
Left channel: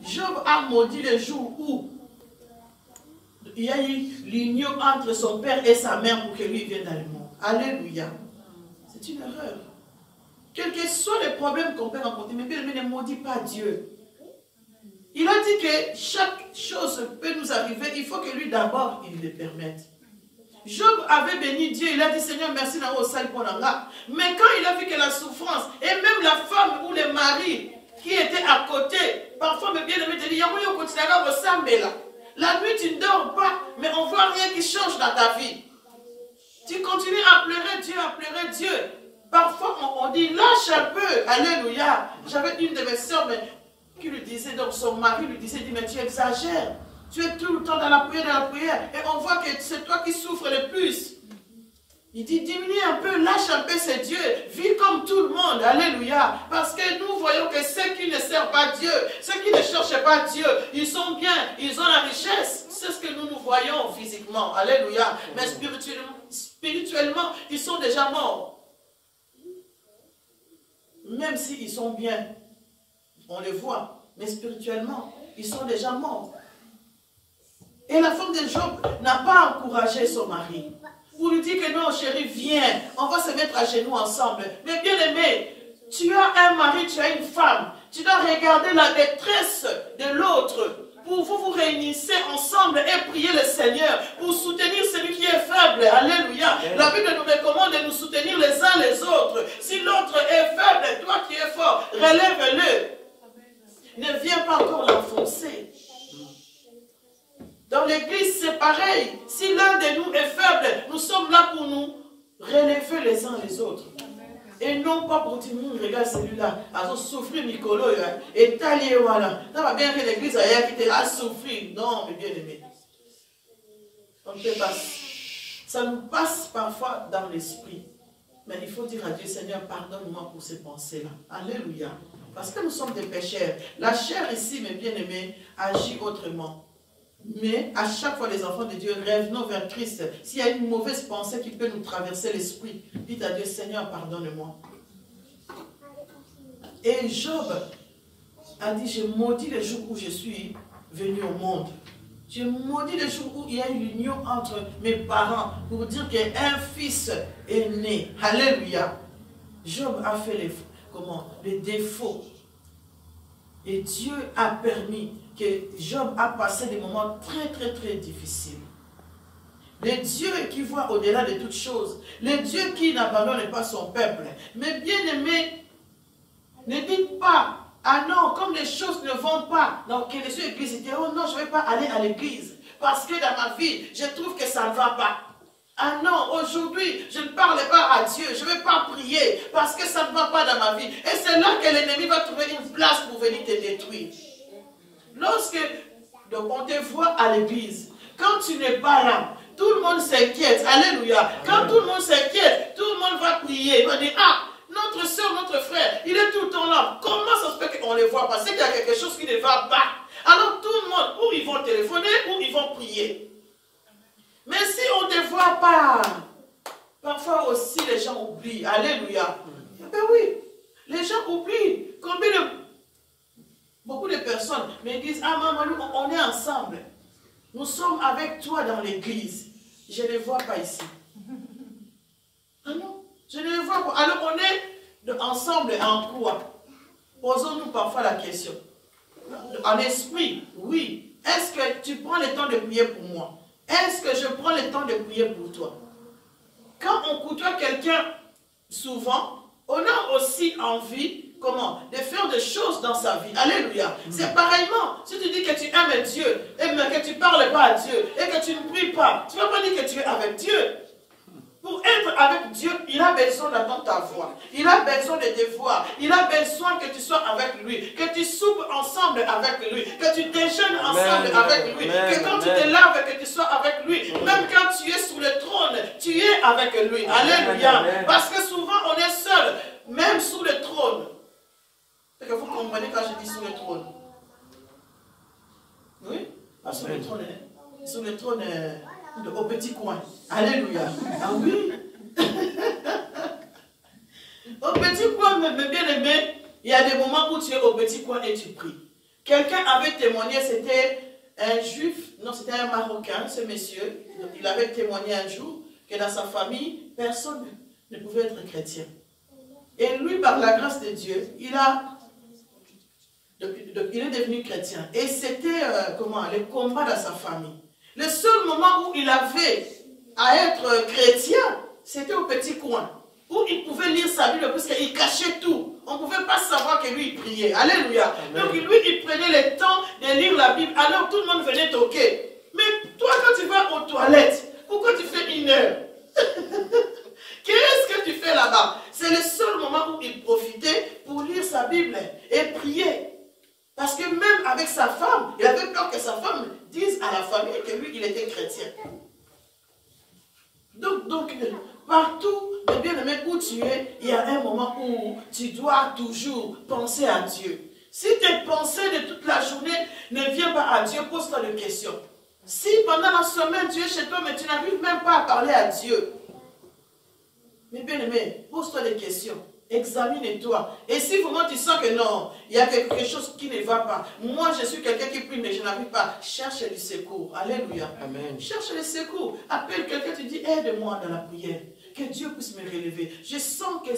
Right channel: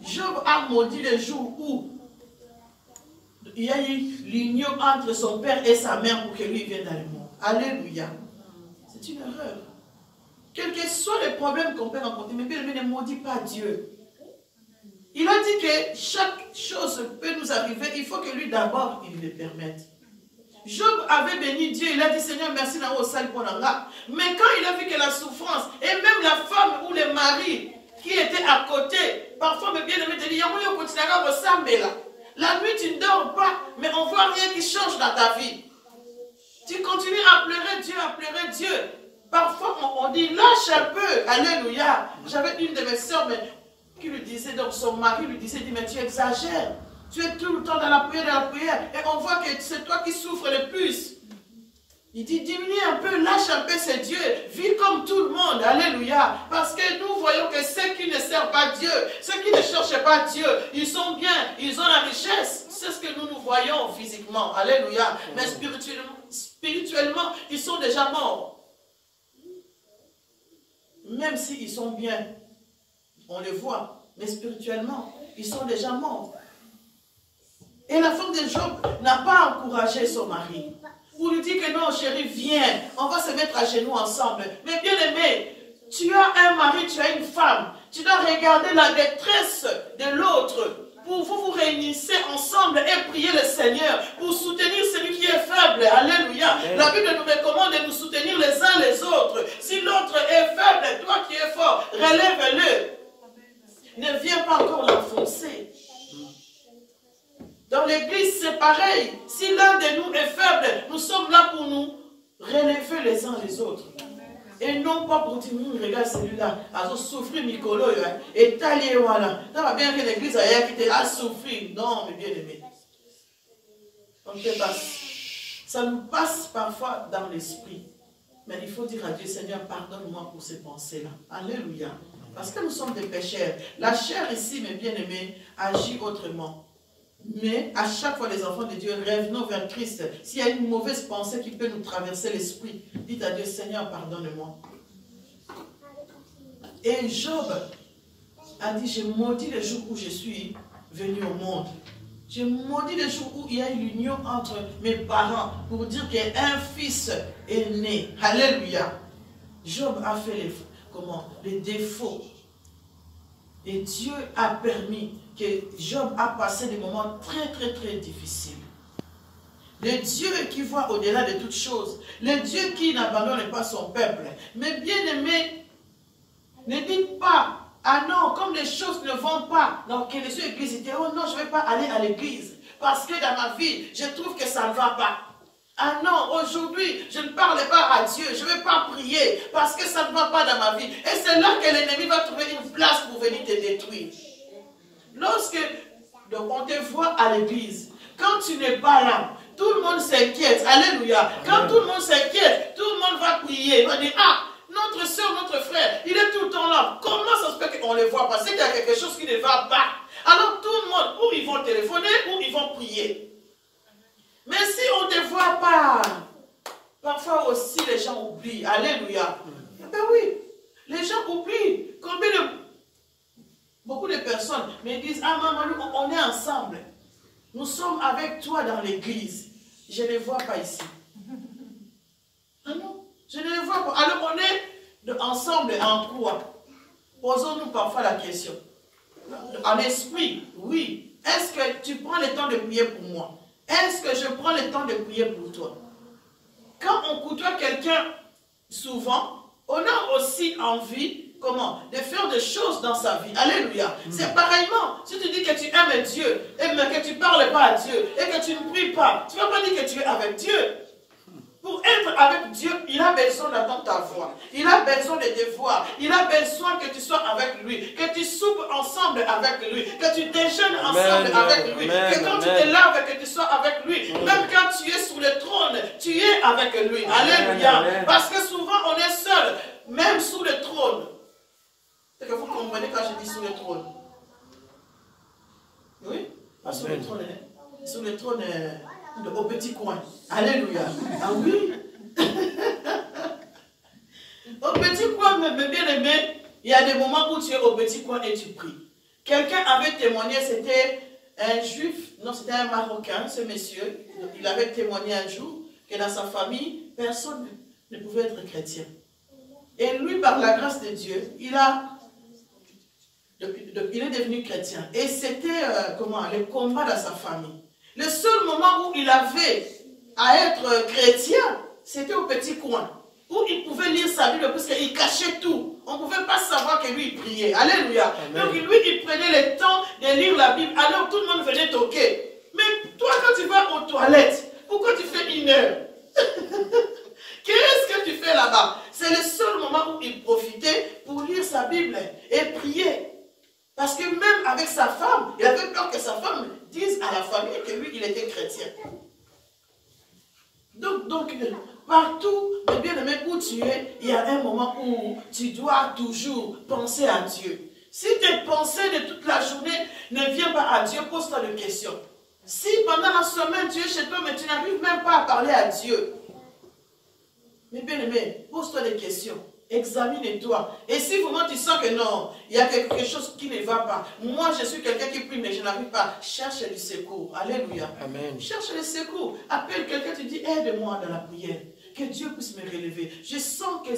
Job a maudit le jour où il y a eu l'union entre son père et sa mère pour que lui vienne dans le monde. Alléluia. C'est une erreur. Quels que soient les problèmes qu'on peut rencontrer, mais bien aimé, ne maudit pas Dieu. Il a dit que chaque chose peut nous arriver, il faut que lui d'abord, il le permette. Job avait béni Dieu, il a dit Seigneur, merci d'avoir ça pour l'anga. Mais quand il a vu que la souffrance, et même la femme ou le mari qui était à côté, parfois, mais bien aimé, te dit, la nuit tu ne dors pas, mais on ne voit rien qui change dans ta vie. Tu continues à pleurer Dieu, à pleurer Dieu. Parfois, on dit, lâche un peu, alléluia. J'avais une de mes soeurs, qui lui disait, donc son mari lui disait, mais tu exagères, tu es tout le temps dans la prière, et on voit que c'est toi qui souffres le plus. Il dit, diminue un peu, lâche un peu, c'est Dieu, vis comme tout le monde, alléluia, parce que nous voyons que ceux qui ne servent pas Dieu, ceux qui ne cherchent pas Dieu, ils sont bien, ils ont la richesse, c'est ce que nous voyons physiquement, alléluia, mais spirituellement, ils sont déjà morts. Même s'ils sont bien, on les voit, mais spirituellement, ils sont déjà morts. Et la femme de Job n'a pas encouragé son mari. Pour lui dire que non, chérie, viens, on va se mettre à genoux ensemble. Mais bien aimé, tu as un mari, tu as une femme. Tu dois regarder la détresse de l'autre. Pour vous réunissez ensemble et prier le Seigneur pour soutenir celui qui est faible. Alléluia. La Bible nous recommande de nous soutenir les uns les autres. Si l'autre est faible, toi qui es fort, relève-le. Ne viens pas encore l'enfoncer. Dans l'église, c'est pareil. Si l'un de nous est faible, nous sommes là pour nous relever les uns les autres. Et non pas pour dire, regarde celui-là, a souffert Nicolo, et taillé, voilà. Ça va bien que l'église a souffert. Non, mais bien aimé. Ça nous passe parfois dans l'esprit. Mais il faut dire à Dieu, Seigneur, pardonne-moi pour ces pensées-là. Alléluia. Parce que nous sommes des pécheurs. La chair ici, mes bien-aimés, agit autrement. Mais à chaque fois, les enfants de Dieu, revenons vers Christ. S'il y a une mauvaise pensée qui peut nous traverser l'esprit, dites à Dieu, Seigneur, pardonne-moi. Et Job a dit, je maudis le jour où je suis venu au monde. Je maudis le jour où il y a une union entre mes parents pour dire qu'un fils est né. Alléluia. Job a fait les défauts. Et Dieu a permis que Job a passé des moments très, très, très difficiles. Le Dieu qui voit au-delà de toutes choses. Le Dieu qui n'abandonne pas son peuple. Mais bien aimé, ne dites pas, ah non, comme les choses ne vont pas. Donc, les yeux église disent, oh non, je ne vais pas aller à l'église. Parce que dans ma vie, je trouve que ça ne va pas. Ah non, aujourd'hui, je ne parle pas à Dieu, je ne vais pas prier parce que ça ne va pas dans ma vie. Et c'est là que l'ennemi va trouver une place pour venir te détruire. Lorsque on te voit à l'église, quand tu n'es pas là, tout le monde s'inquiète. Alléluia. Quand tout le monde s'inquiète, tout le monde va prier. Il va dire, ah, notre soeur, notre frère, il est tout le temps là. Comment ça se fait qu'on ne le voit pas? C'est qu'il y a quelque chose qui ne va pas. Alors tout le monde, ou ils vont téléphoner, ou ils vont prier. Mais si on ne voit pas, parfois aussi les gens oublient. Alléluia. Ben oui, les gens oublient. Beaucoup de personnes me disent, ah maman, nous, on est ensemble. Nous sommes avec toi dans l'église. Je ne les vois pas ici. Ah non, je ne les vois pas. Alors on est ensemble en quoi? Posons-nous parfois la question. En esprit, oui. Est-ce que tu prends le temps de prier pour moi? Est-ce que je prends le temps de prier pour toi? Quand on côtoie quelqu'un souvent, on a aussi envie, de faire des choses dans sa vie. Alléluia. C'est pareillement, si tu dis que tu aimes Dieu, et que tu ne parles pas à Dieu, et que tu ne pries pas, tu ne vas pas dire que tu es avec Dieu. Pour être avec Dieu, il a besoin d'entendre ta voix. Il a besoin de te voir. Il a besoin que tu sois avec lui. Que tu soupes ensemble avec lui. Que tu déjeunes ensemble avec lui. Que quand tu te laves, que tu sois avec lui. Même quand tu es sur le trône, tu es avec lui. Alléluia. Parce que souvent, on est seul. Même sous le trône. C'est que vous comprenez quand je dis sous le trône. Oui? Pas sous le trône. Sous le trône... au petit coin. Alléluia. Ah oui. Au petit coin, mes bien-aimés, il y a des moments où tu es au petit coin et tu pries. Quelqu'un avait témoigné, c'était un juif, non, c'était un Marocain, ce monsieur. Il avait témoigné un jour que dans sa famille, personne ne pouvait être chrétien. Et lui, par la grâce de Dieu, il est devenu chrétien. Et c'était, le combat dans sa famille. Le seul moment où il avait à être chrétien, c'était au petit coin, où il pouvait lire sa Bible, parce qu'il cachait tout. On ne pouvait pas savoir que lui, il priait. Alléluia. Amen. Donc lui, il prenait le temps de lire la Bible, alors tout le monde venait toquer. Mais toi, quand tu vas aux toilettes, pourquoi tu fais 1 heure? Qu'est-ce que tu fais là-bas? C'est le seul moment où il profitait pour lire sa Bible et prier. Parce que même avec sa femme, il avait peur que sa femme dise à la famille que lui, il était chrétien. Donc partout, bien aimé, où tu es, il y a un moment où tu dois toujours penser à Dieu. Si tes pensées de toute la journée ne viennent pas à Dieu, pose-toi des questions. Si pendant la semaine, tu es chez toi, mais tu n'arrives même pas à parler à Dieu. Mais bien aimé, pose-toi des questions. Examine-toi. Et si vraiment tu sens que non, il y a quelque chose qui ne va pas. Moi, je suis quelqu'un qui prie, mais je n'arrive pas. Cherche le secours. Alléluia. Amen. Cherche le secours. Appelle quelqu'un, tu dis, aide-moi dans la prière. Que Dieu puisse me relever. Je sens que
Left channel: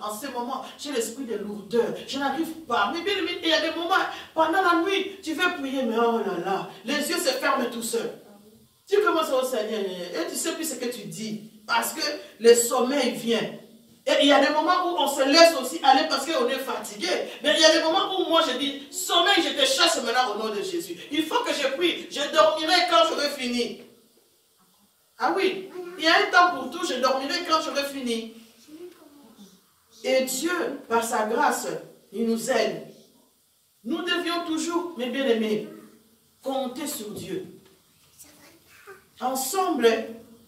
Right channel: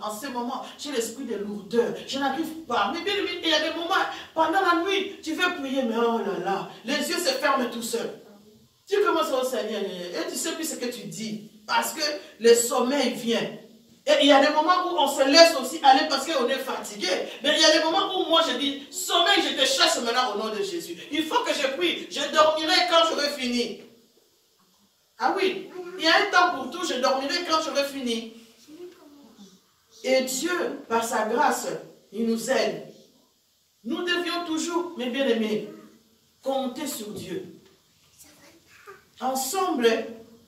en ce moment, j'ai l'esprit de lourdeur. Je n'arrive pas. Mais bien, il y a des moments, pendant la nuit, tu veux prier, mais oh là là, les yeux se ferment tout seuls. Tu commences au Seigneur et tu sais plus ce que tu dis. Parce que le sommeil vient. Et il y a des moments où on se laisse aussi aller parce qu'on est fatigué. Mais il y a des moments où moi je dis, sommeil, je te chasse maintenant au nom de Jésus. Il faut que je prie. Je dormirai quand j'aurai fini. Ah oui, il y a un temps pour tout, je dormirai quand j'aurai fini. Et Dieu, par sa grâce, il nous aide. Nous devions toujours, mes bien-aimés, compter sur Dieu. Ensemble,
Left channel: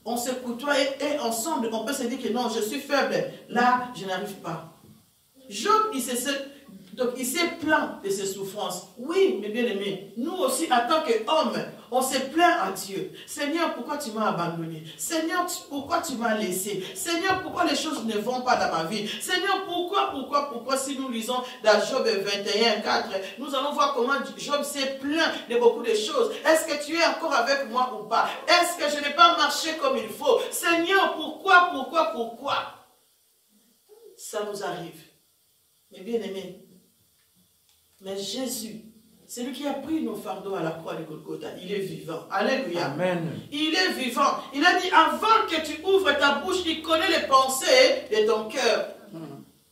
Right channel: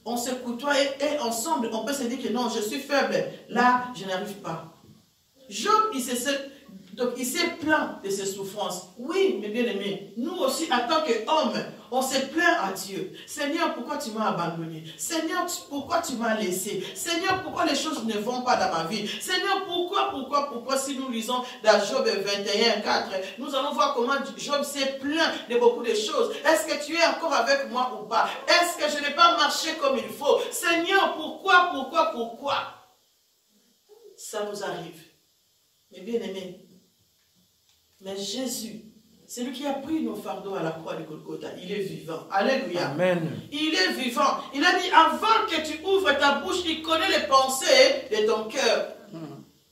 on se côtoie et ensemble, on peut se dire que non, je suis faible. Là, je n'arrive pas. Job, Donc, il s'est plaint de ses souffrances. Oui, mes bien-aimés, nous aussi, en tant qu'hommes, on se plaint à Dieu. Seigneur, pourquoi tu m'as abandonné? Seigneur, pourquoi tu m'as laissé? Seigneur, pourquoi les choses ne vont pas dans ma vie? Seigneur, pourquoi, si nous lisons dans Job 21, 4, nous allons voir comment Job s'est plaint de beaucoup de choses. Est-ce que tu es encore avec moi ou pas? Est-ce que je n'ai pas marché comme il faut? Seigneur, pourquoi? Ça nous arrive. Mes bien-aimés, mais Jésus, c'est lui qui a pris nos fardeaux à la croix de Golgotha. Il est vivant. Alléluia. Amen. Il est vivant. Il a dit, avant que tu ouvres ta bouche, il connaît les pensées de ton cœur.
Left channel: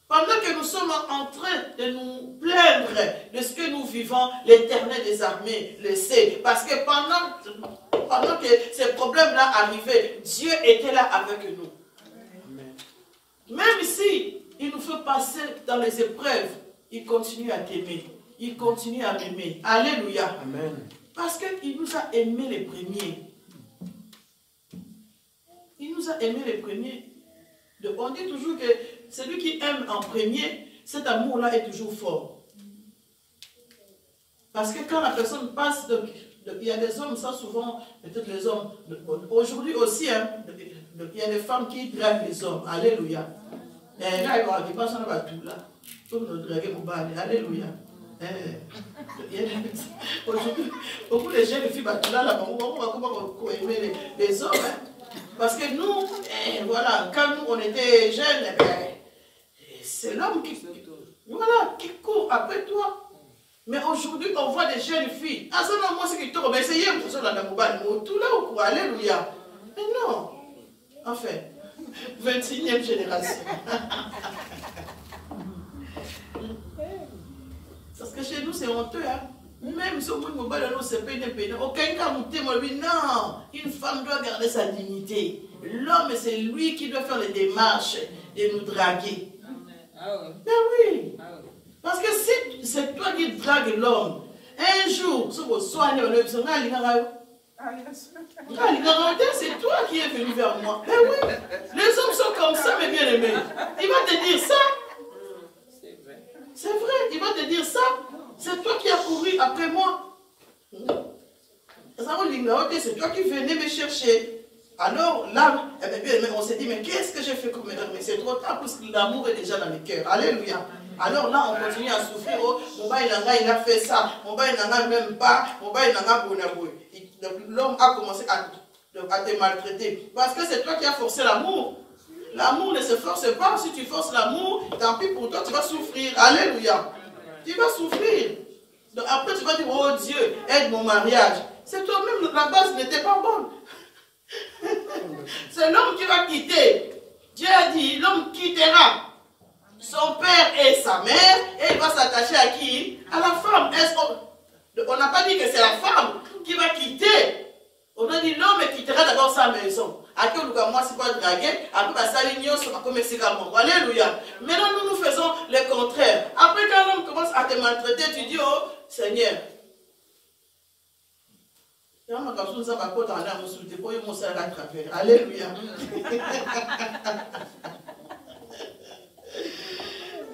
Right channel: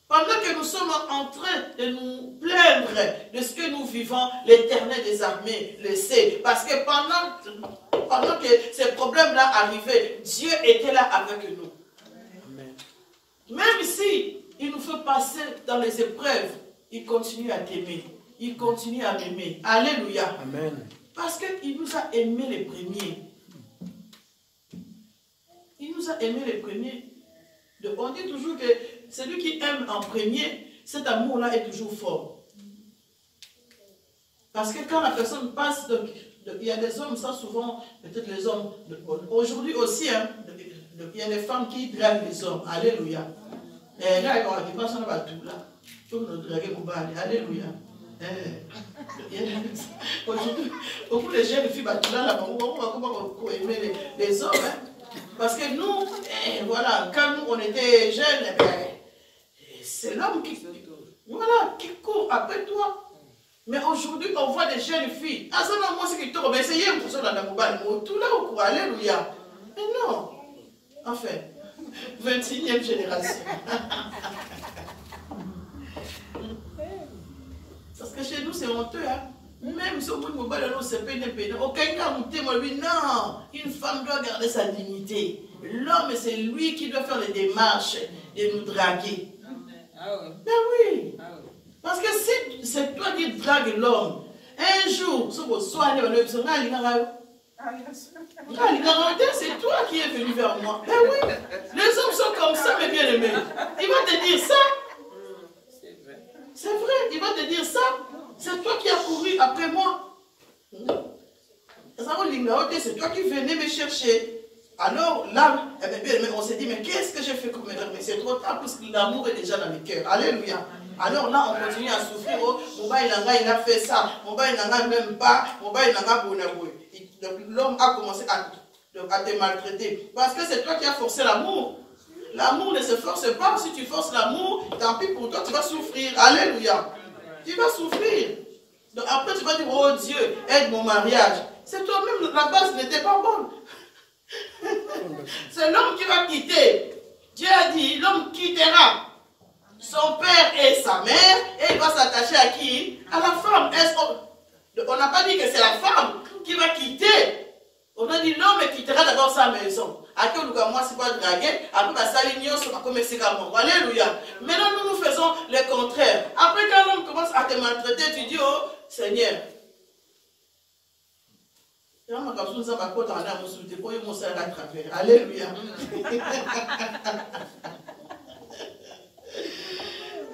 Pendant que nous sommes en train de nous plaindre de ce que nous vivons, l'Éternel des armées le sait. Parce que pendant que ces problèmes-là arrivaient, Dieu était là avec nous. Amen. Même si il nous fait passer dans les épreuves, il continue à t'aimer. Il continue à m'aimer. Alléluia. Amen. Parce qu'il nous a aimés les premiers. Il nous a aimés les premiers. On dit toujours que celui qui aime en premier, cet amour-là est toujours fort. Parce que quand la personne passe, il y a des hommes, ça souvent, peut-être les hommes, aujourd'hui aussi, hein, il y a des femmes qui draguent les hommes. Alléluia. Et là, il passe en bas tout là. Tout nous draguer mon bal. Alléluia. Aujourd'hui, beaucoup de jeunes filles, là, on va comment aimer les hommes. Hein? Parce que nous, voilà, quand nous on était jeunes, c'est l'homme qui court après toi. Mais aujourd'hui, on voit des jeunes filles. Ah, c'est non, moi, c'est qui tourne. Mais essayez de vous dans la mobile. Tout là, au cours, alléluia. Mais non. Enfin, 21e génération. Parce que chez nous, c'est honteux, hein. Même si on peut mobile, c'est pas une peine. Aucun cas, non, une femme doit garder sa dignité. L'homme, c'est lui qui doit faire les démarches de nous draguer. Ben oui. Parce que si c'est toi qui dragues l'homme, un jour, c'est toi qui es venu vers moi. Ben oui. Les hommes sont comme ça, mes bien-aimés. Il va te dire ça. C'est vrai, il va te dire ça. C'est toi qui as couru après moi. C'est toi qui venais me chercher. Alors là, on s'est dit, mais qu'est-ce que j'ai fait comme erreur? Mais c'est trop tard parce que l'amour est déjà dans les cœurs. Alléluia. Alors là, on continue à souffrir. Oh, mon bail il a fait ça. Mon bail il même pas. Mon bail il a bonaboué. Donc l'homme a commencé à te maltraiter. Parce que c'est toi qui as forcé l'amour. L'amour ne se force pas. Si tu forces l'amour, tant pis pour toi, tu vas souffrir. Alléluia. Tu vas souffrir. Donc après, tu vas dire, oh Dieu, aide mon mariage. C'est toi-même, la base n'était pas bonne. C'est l'homme qui va quitter. Dieu a dit, l'homme quittera son père et sa mère et il va s'attacher à qui? À la femme. On n'a pas dit que c'est la femme qui va quitter. On a dit l'homme quittera d'abord sa maison. Après, moi, c'est pas draguer. Après, ça va commencer comme moi. Alléluia. Maintenant, nous faisons le contraire. Après, quand l'homme commence à te maltraiter, tu dis, oh Seigneur. Alléluia.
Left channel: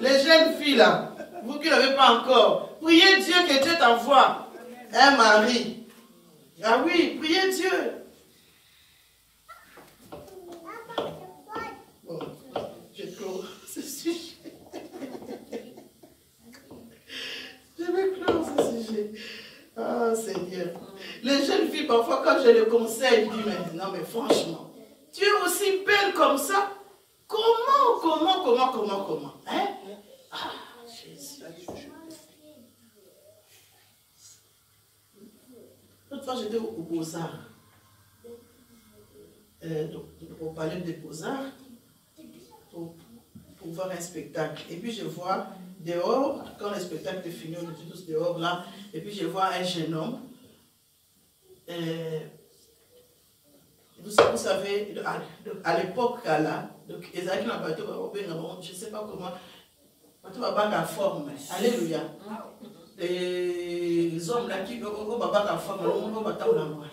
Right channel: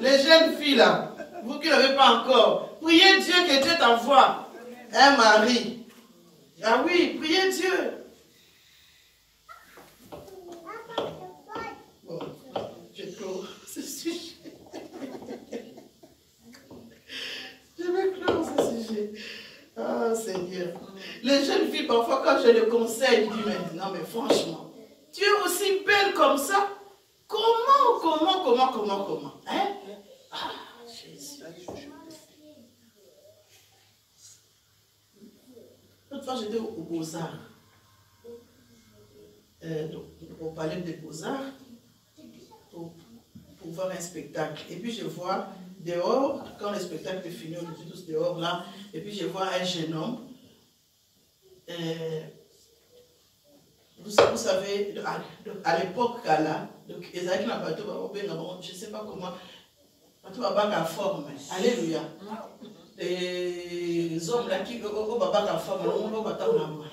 Les jeunes filles là, vous qui n'avez pas encore, priez Dieu que Dieu t'envoie un mari. Ah oui, priez Dieu. Bon, je clôt ce sujet. Je vais clore ce sujet. Ah Seigneur. Les jeunes filles, parfois, quand je les conseille, je dis, mais non, mais franchement, tu es aussi belle comme ça. Comment hein? Ah, Jésus. L'autre fois, j'étais au Beaux-Arts. Donc, on parlait des Beaux-Arts pour voir un spectacle. Et puis, je vois dehors, quand le spectacle est fini, on est tous dehors là, et puis je vois un jeune homme. Vous savez, à l'époque là, donc ils avaient un bateau, je ne sais pas comment, bateau va battre en forme. Alléluia. Les hommes là qui vont battre en forme, on va battre en main.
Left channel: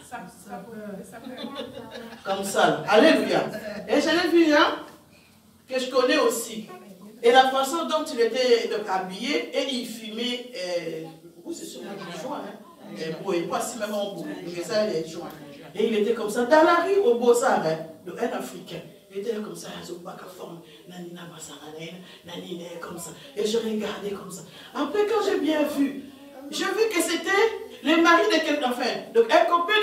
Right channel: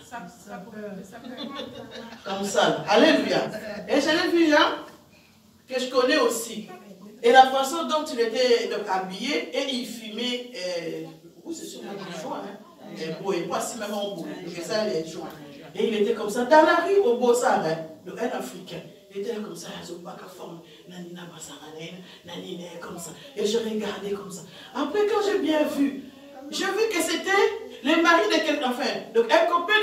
Comme ça. Alléluia. Et j'en ai vu un que je connais aussi. Et la façon dont il était donc, habillé, et il fumait, c'est sur le joint, pas si même en bout, mais ça, les joints. Et il était comme ça, dans la rue au Beaux-Arts, un Africain. Il était comme ça, nanina nanina comme ça. Et je regardais comme ça. Après, quand j'ai bien vu, j'ai vu que c'était le mari de quelqu'un, enfin, donc un copain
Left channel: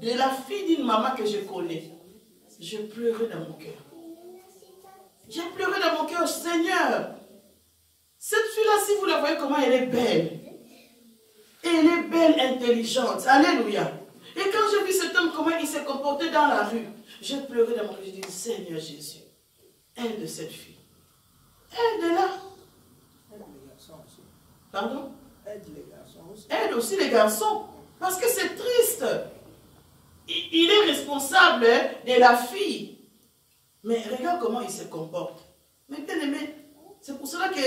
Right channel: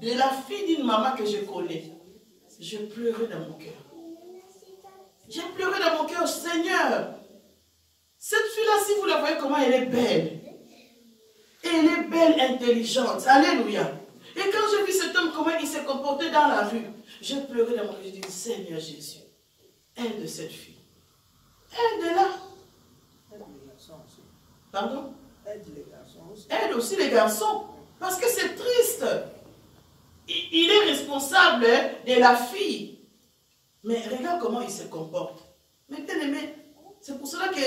de la fille d'une maman que je connais. Je pleurais dans mon cœur. J'ai pleuré dans mon cœur, Seigneur. Cette fille-là, si vous la voyez comment elle est belle. Et elle est belle, intelligente. Alléluia. Et quand j'ai vu cet homme, comment il s'est comporté dans la rue, j'ai pleuré dans mon cœur. J'ai dit, Seigneur Jésus, aide cette fille. Aide-la. Aide les garçons aussi. Pardon? Aide les garçons aussi. Aide aussi les garçons. Parce que c'est triste. Il est responsable de la fille. Mais regarde comment il se comporte. Mais bien aimé, c'est pour cela que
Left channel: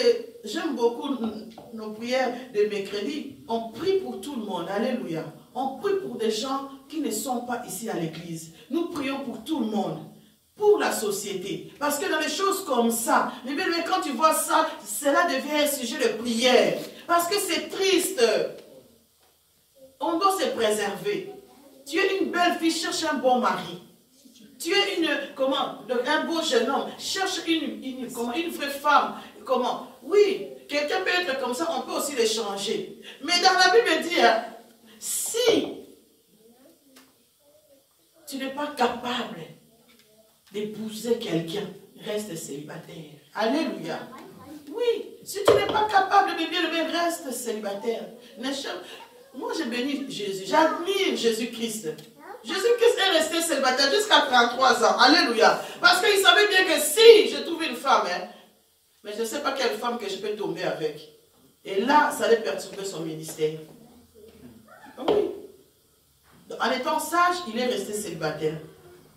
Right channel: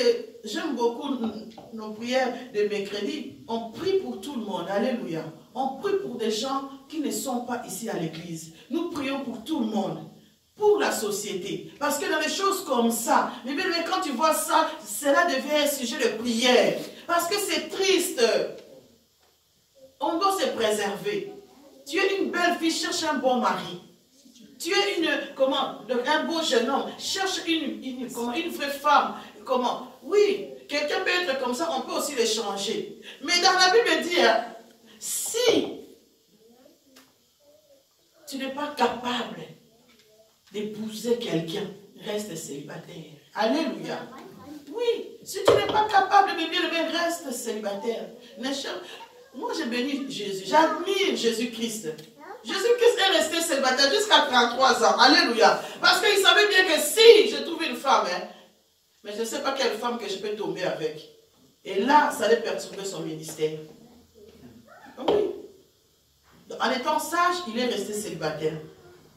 j'aime beaucoup nos prières de mercredi. On prie pour tout le monde. Alléluia. On prie pour des gens qui ne sont pas ici à l'église. Nous prions pour tout le monde. Pour la société. Parce que dans les choses comme ça, mais bien aimé, quand tu vois ça, cela devient un sujet de prière. Parce que c'est triste. On doit se préserver. Tu es une belle fille, cherche un bon mari. Tu es un beau jeune homme, cherche une vraie femme. Comment? Oui, quelqu'un peut être comme ça, on peut aussi l'échanger. Mais dans la Bible dit, si tu n'es pas capable d'épouser quelqu'un, reste célibataire. Alléluia. Oui, si tu n'es pas capable de bien reste célibataire. Moi, je bénis Jésus. J'admire Jésus-Christ. Jésus-Christ est resté célibataire jusqu'à 33 ans. Alléluia. Parce qu'il savait bien que si je trouve une femme, mais je ne sais pas quelle femme que je peux tomber avec. Et là, ça allait perturber son ministère. Oui. En étant sage, il est resté célibataire.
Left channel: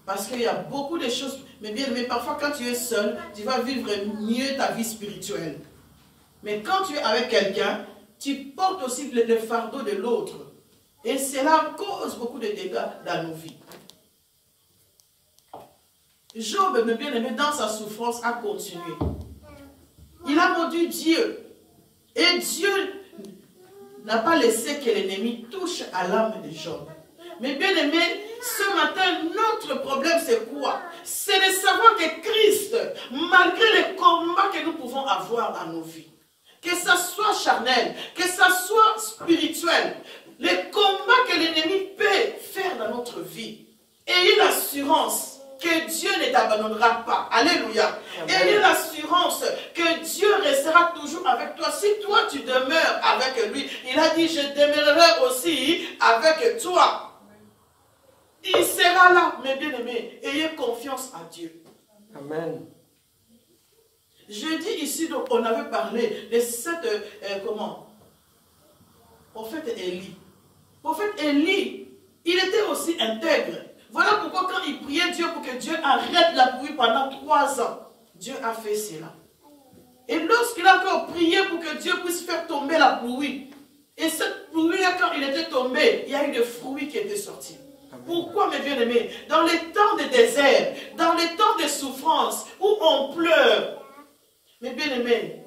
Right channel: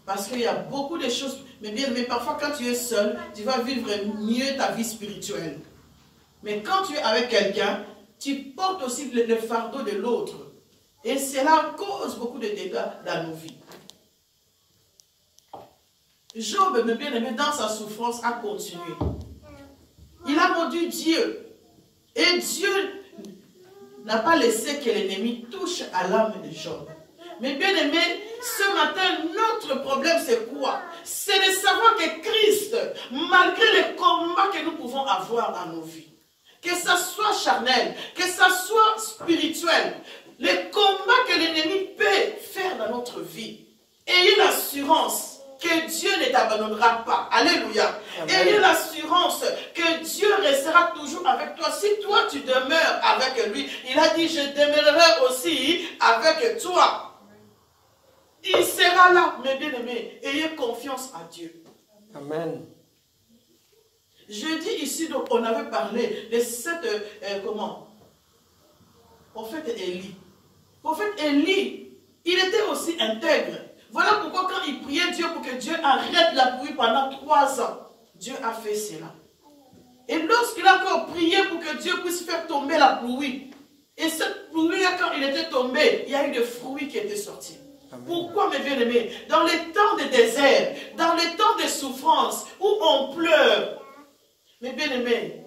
Parce qu'il y a beaucoup de choses. Mais parfois, quand tu es seul, tu vas vivre mieux ta vie spirituelle. Mais quand tu es avec quelqu'un, tu portes aussi le fardeau de l'autre. Et cela cause beaucoup de dégâts dans nos vies. Job, me bien aimé, dans sa souffrance, a continué. Il a maudit Dieu. Et Dieu n'a pas laissé que l'ennemi touche à l'âme de Job. Mais bien aimé, ce matin, notre problème, c'est quoi? C'est de savoir que Christ, malgré les combats que nous pouvons avoir dans nos vies, que ça soit charnel, que ça soit spirituel, les combats que l'ennemi peut faire dans notre vie, ayez l'assurance que Dieu ne t'abandonnera pas. Alléluia. Ayez l'assurance que Dieu restera toujours avec toi. Si toi tu demeures avec lui, il a dit, je demeurerai aussi avec toi. Il sera là, mes bien-aimés. Ayez confiance en Dieu. Amen. Je dis ici, donc, on avait parlé de cette, prophète Élie. Prophète Élie, il était aussi intègre. Voilà pourquoi quand il priait Dieu pour que Dieu arrête la pluie pendant 3 ans, Dieu a fait cela. Et lorsqu'il a encore prié pour que Dieu puisse faire tomber la pluie, et cette pluie-là, quand il était tombé, il y a eu des fruits qui étaient sortis. Pourquoi, mes bien-aimés? Dans les temps de désert, dans les temps de souffrance, où on pleure, mes bien-aimés,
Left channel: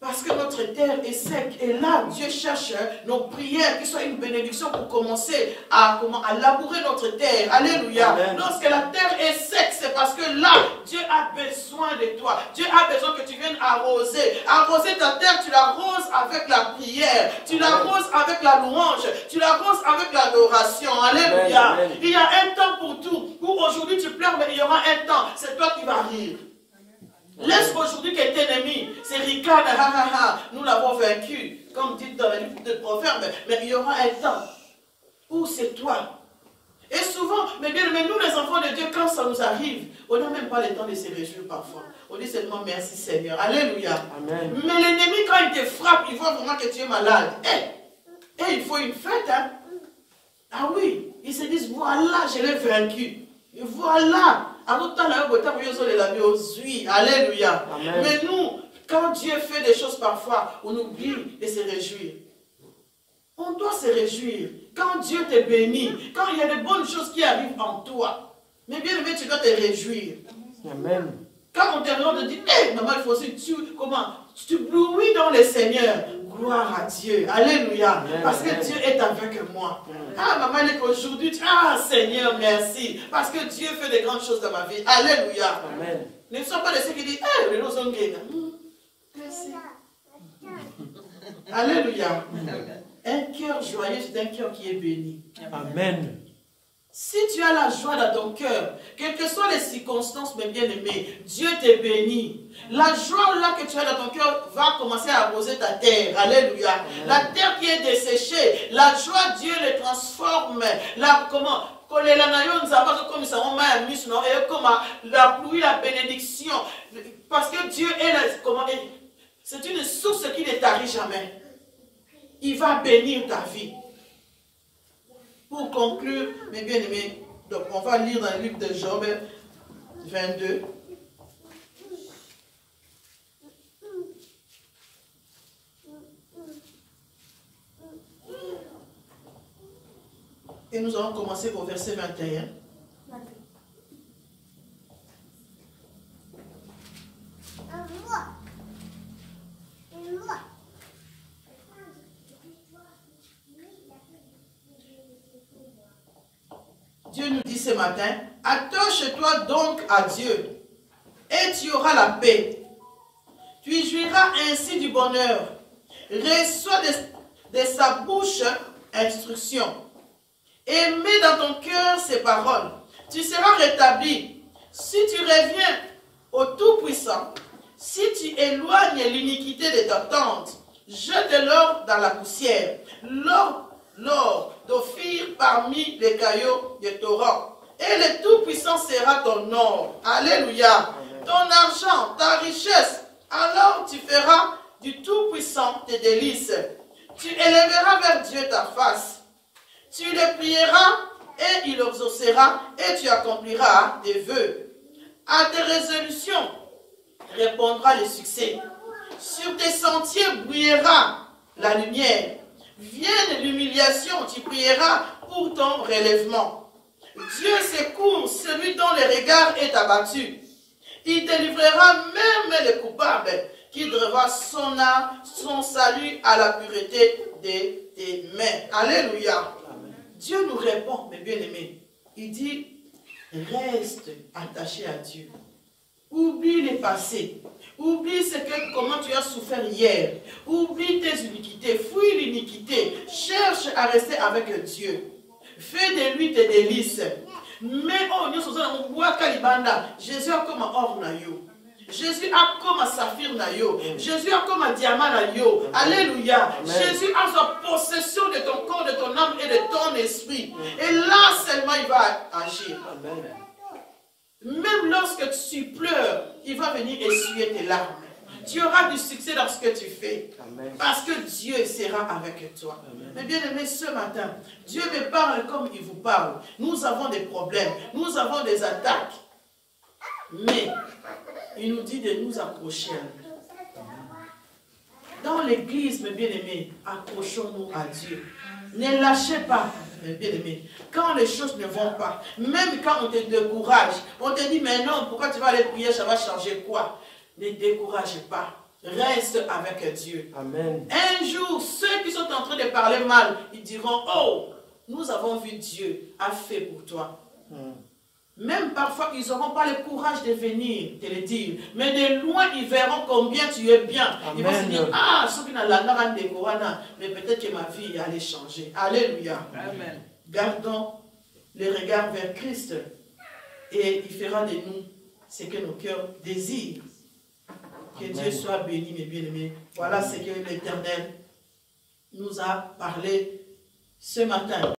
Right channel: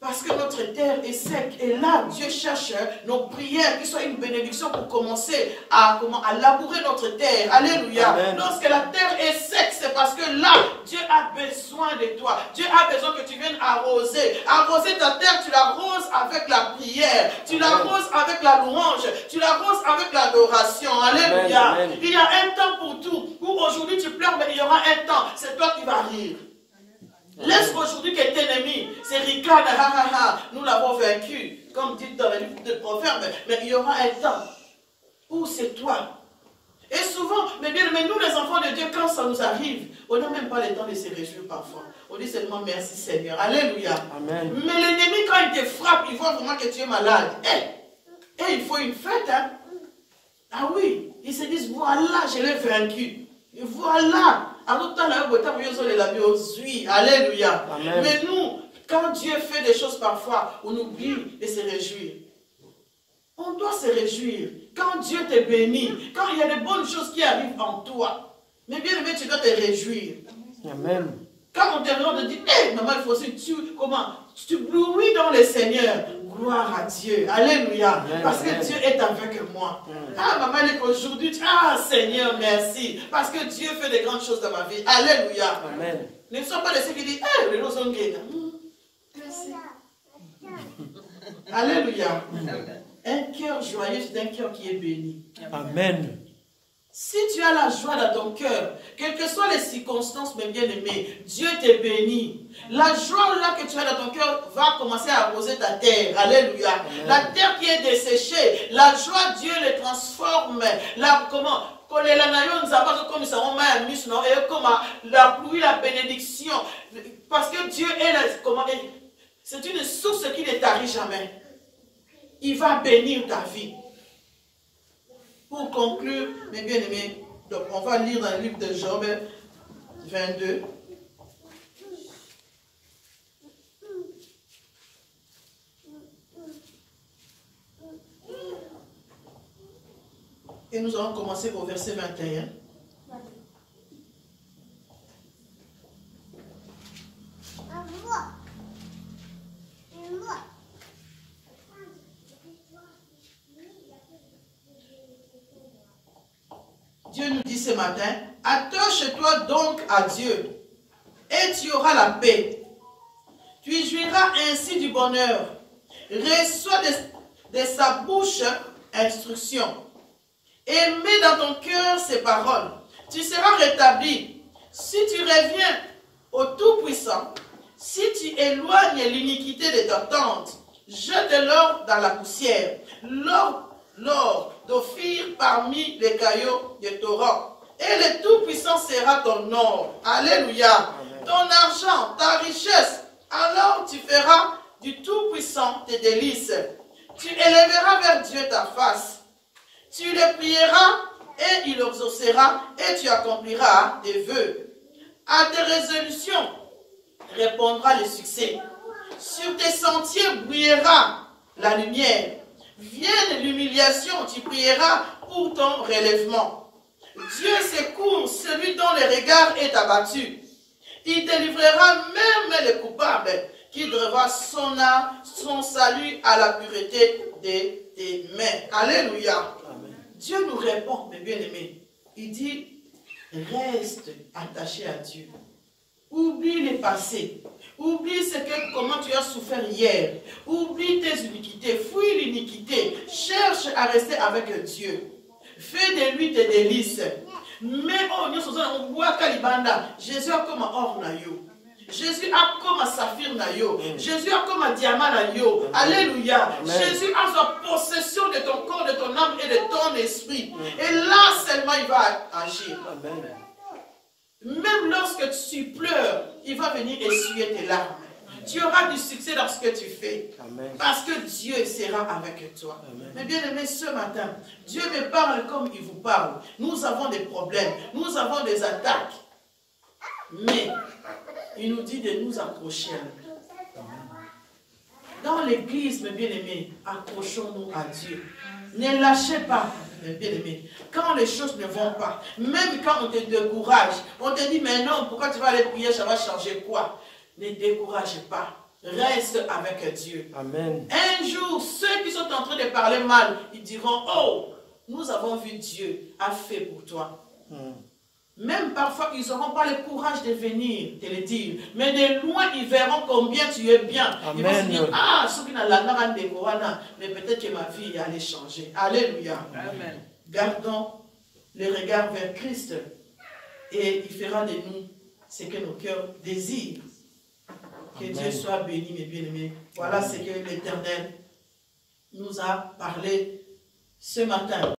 parce que notre terre est sec. Et là, Dieu cherche nos prières qui soient une bénédiction pour commencer à labourer notre terre. Alléluia. Amen. Lorsque la terre est sec, c'est parce que là, Dieu a besoin de toi. Dieu a besoin que tu viennes arroser. Arroser ta terre, tu l'arroses avec la prière. Tu l'arroses avec la louange. Tu l'arroses avec l'adoration. Alléluia. Amen. Il y a un temps pour tout. Où aujourd'hui tu pleures, mais il y aura un temps. C'est toi qui vas rire. Laisse aujourd'hui que est ennemi, c'est Ricard, nous l'avons vaincu, comme dit dans le livre de Proverbes, mais il y aura un temps où c'est toi. Et souvent, mais nous les enfants de Dieu, quand ça nous arrive, on n'a même pas le temps de se réjouir parfois. On dit seulement merci Seigneur, alléluia. Amen. Mais l'ennemi, quand il te frappe, il voit vraiment que tu es malade. Et il faut une fête, hein. Ah oui, ils se disent, voilà, je l'ai vaincu. Et voilà. Alléluia. Amen. Mais nous, quand Dieu fait des choses parfois, on oublie de se réjouir. On doit se réjouir. Quand Dieu te bénit, quand il y a de bonnes choses qui arrivent en toi, mais bien aimé, tu dois te réjouir. Amen. Quand on te demande de dire, hé, maman, il faut aussi, tu blouis dans le Seigneur. Gloire à Dieu. Alléluia. Amen. Parce que Dieu est avec moi. Ah, maman, elle est qu'aujourd'hui, ah, Seigneur, merci. Parce que Dieu fait de grandes choses dans ma vie. Alléluia. Amen. Ne sont pas de ceux qui disent, ah, les gens merci. Alléluia. Un cœur joyeux, c'est un cœur qui est béni. Amen. Si tu as la joie dans ton cœur, quelles que soient les circonstances, mes bien-aimés, Dieu te bénit. La joie là que tu as dans ton cœur va commencer à arroser ta terre. Alléluia. Amen. La terre qui est desséchée, la joie, Dieu le transforme. La pluie, la bénédiction. Parce que Dieu est c'est une source qui ne tarit jamais. Il va bénir ta vie. Pour conclure, mes bien-aimés, donc on va lire dans le livre de Job 22. Et nous allons commencer au verset 21. Dieu nous dit ce matin, attache-toi donc à Dieu et tu auras la paix. Tu jouiras ainsi du bonheur. Reçois de sa bouche instruction. Et mets dans ton cœur ses paroles. Tu seras rétabli. Si tu reviens au Tout-Puissant, si tu éloignes l'iniquité de ta tente, jette l'or dans la poussière. L'or d'Ophir parmi les cailloux de Torah. Et le Tout-Puissant sera ton or. Alléluia. Amen. Ton argent, ta richesse. Alors tu feras du Tout-Puissant tes délices. Tu élèveras vers Dieu ta face. Tu le prieras et il exaucera et tu accompliras tes vœux. À tes résolutions répondra le succès. Sur tes sentiers brillera la lumière. Vienne l'humiliation, tu prieras pour ton relèvement. Dieu secourt celui dont le regard est abattu. Il délivrera même le coupable qui devra son salut à la pureté de tes mains. Alléluia. Amen. Dieu nous répond, mes bien-aimés. Il dit, reste attaché à Dieu. Oublie le passé. Oublie comment tu as souffert hier. Oublie tes iniquités. Fuis l'iniquité. Cherche à rester avec Dieu. Fais de lui tes délices. Mais Jésus a comme un or naïo. Jésus a comme un saphir naïo. Jésus a comme un diamant naïo. Alléluia. Amen. Jésus a sa possession de ton corps, de ton âme et de ton esprit. Et là seulement il va agir. Amen. Même lorsque tu pleures, il va venir essuyer tes larmes. Tu auras du succès dans ce que tu fais. Amen. Parce que Dieu sera avec toi. Amen. Mais bien aimé, ce matin, Dieu me parle comme il vous parle. Nous avons des problèmes, nous avons des attaques. Mais il nous dit de nous accrocher à lui. Dans l'église, mes bien-aimés, accrochons-nous à Dieu. Ne lâchez pas, mes bien-aimés. Quand les choses ne vont pas, même quand on te décourage, on te dit, mais non, pourquoi tu vas aller prier, ça va changer quoi? Ne décourage pas. Reste avec Dieu. Amen. Un jour, ceux qui sont en train de parler mal, ils diront, oh, nous avons vu Dieu a fait pour toi. Même parfois, ils n'auront pas le courage de venir te le dire. Mais de loin, ils verront combien tu es bien. Amen. Ils vont se dire, ah, ceux qui n'ont la mais peut-être que ma vie allait changer. Alléluia. Amen. Gardons le regard vers Christ. Et il fera de nous ce que nos cœurs désirent. Que Amen. Dieu soit béni, mes bien-aimés. Voilà ce que l'Éternel nous a parlé ce matin.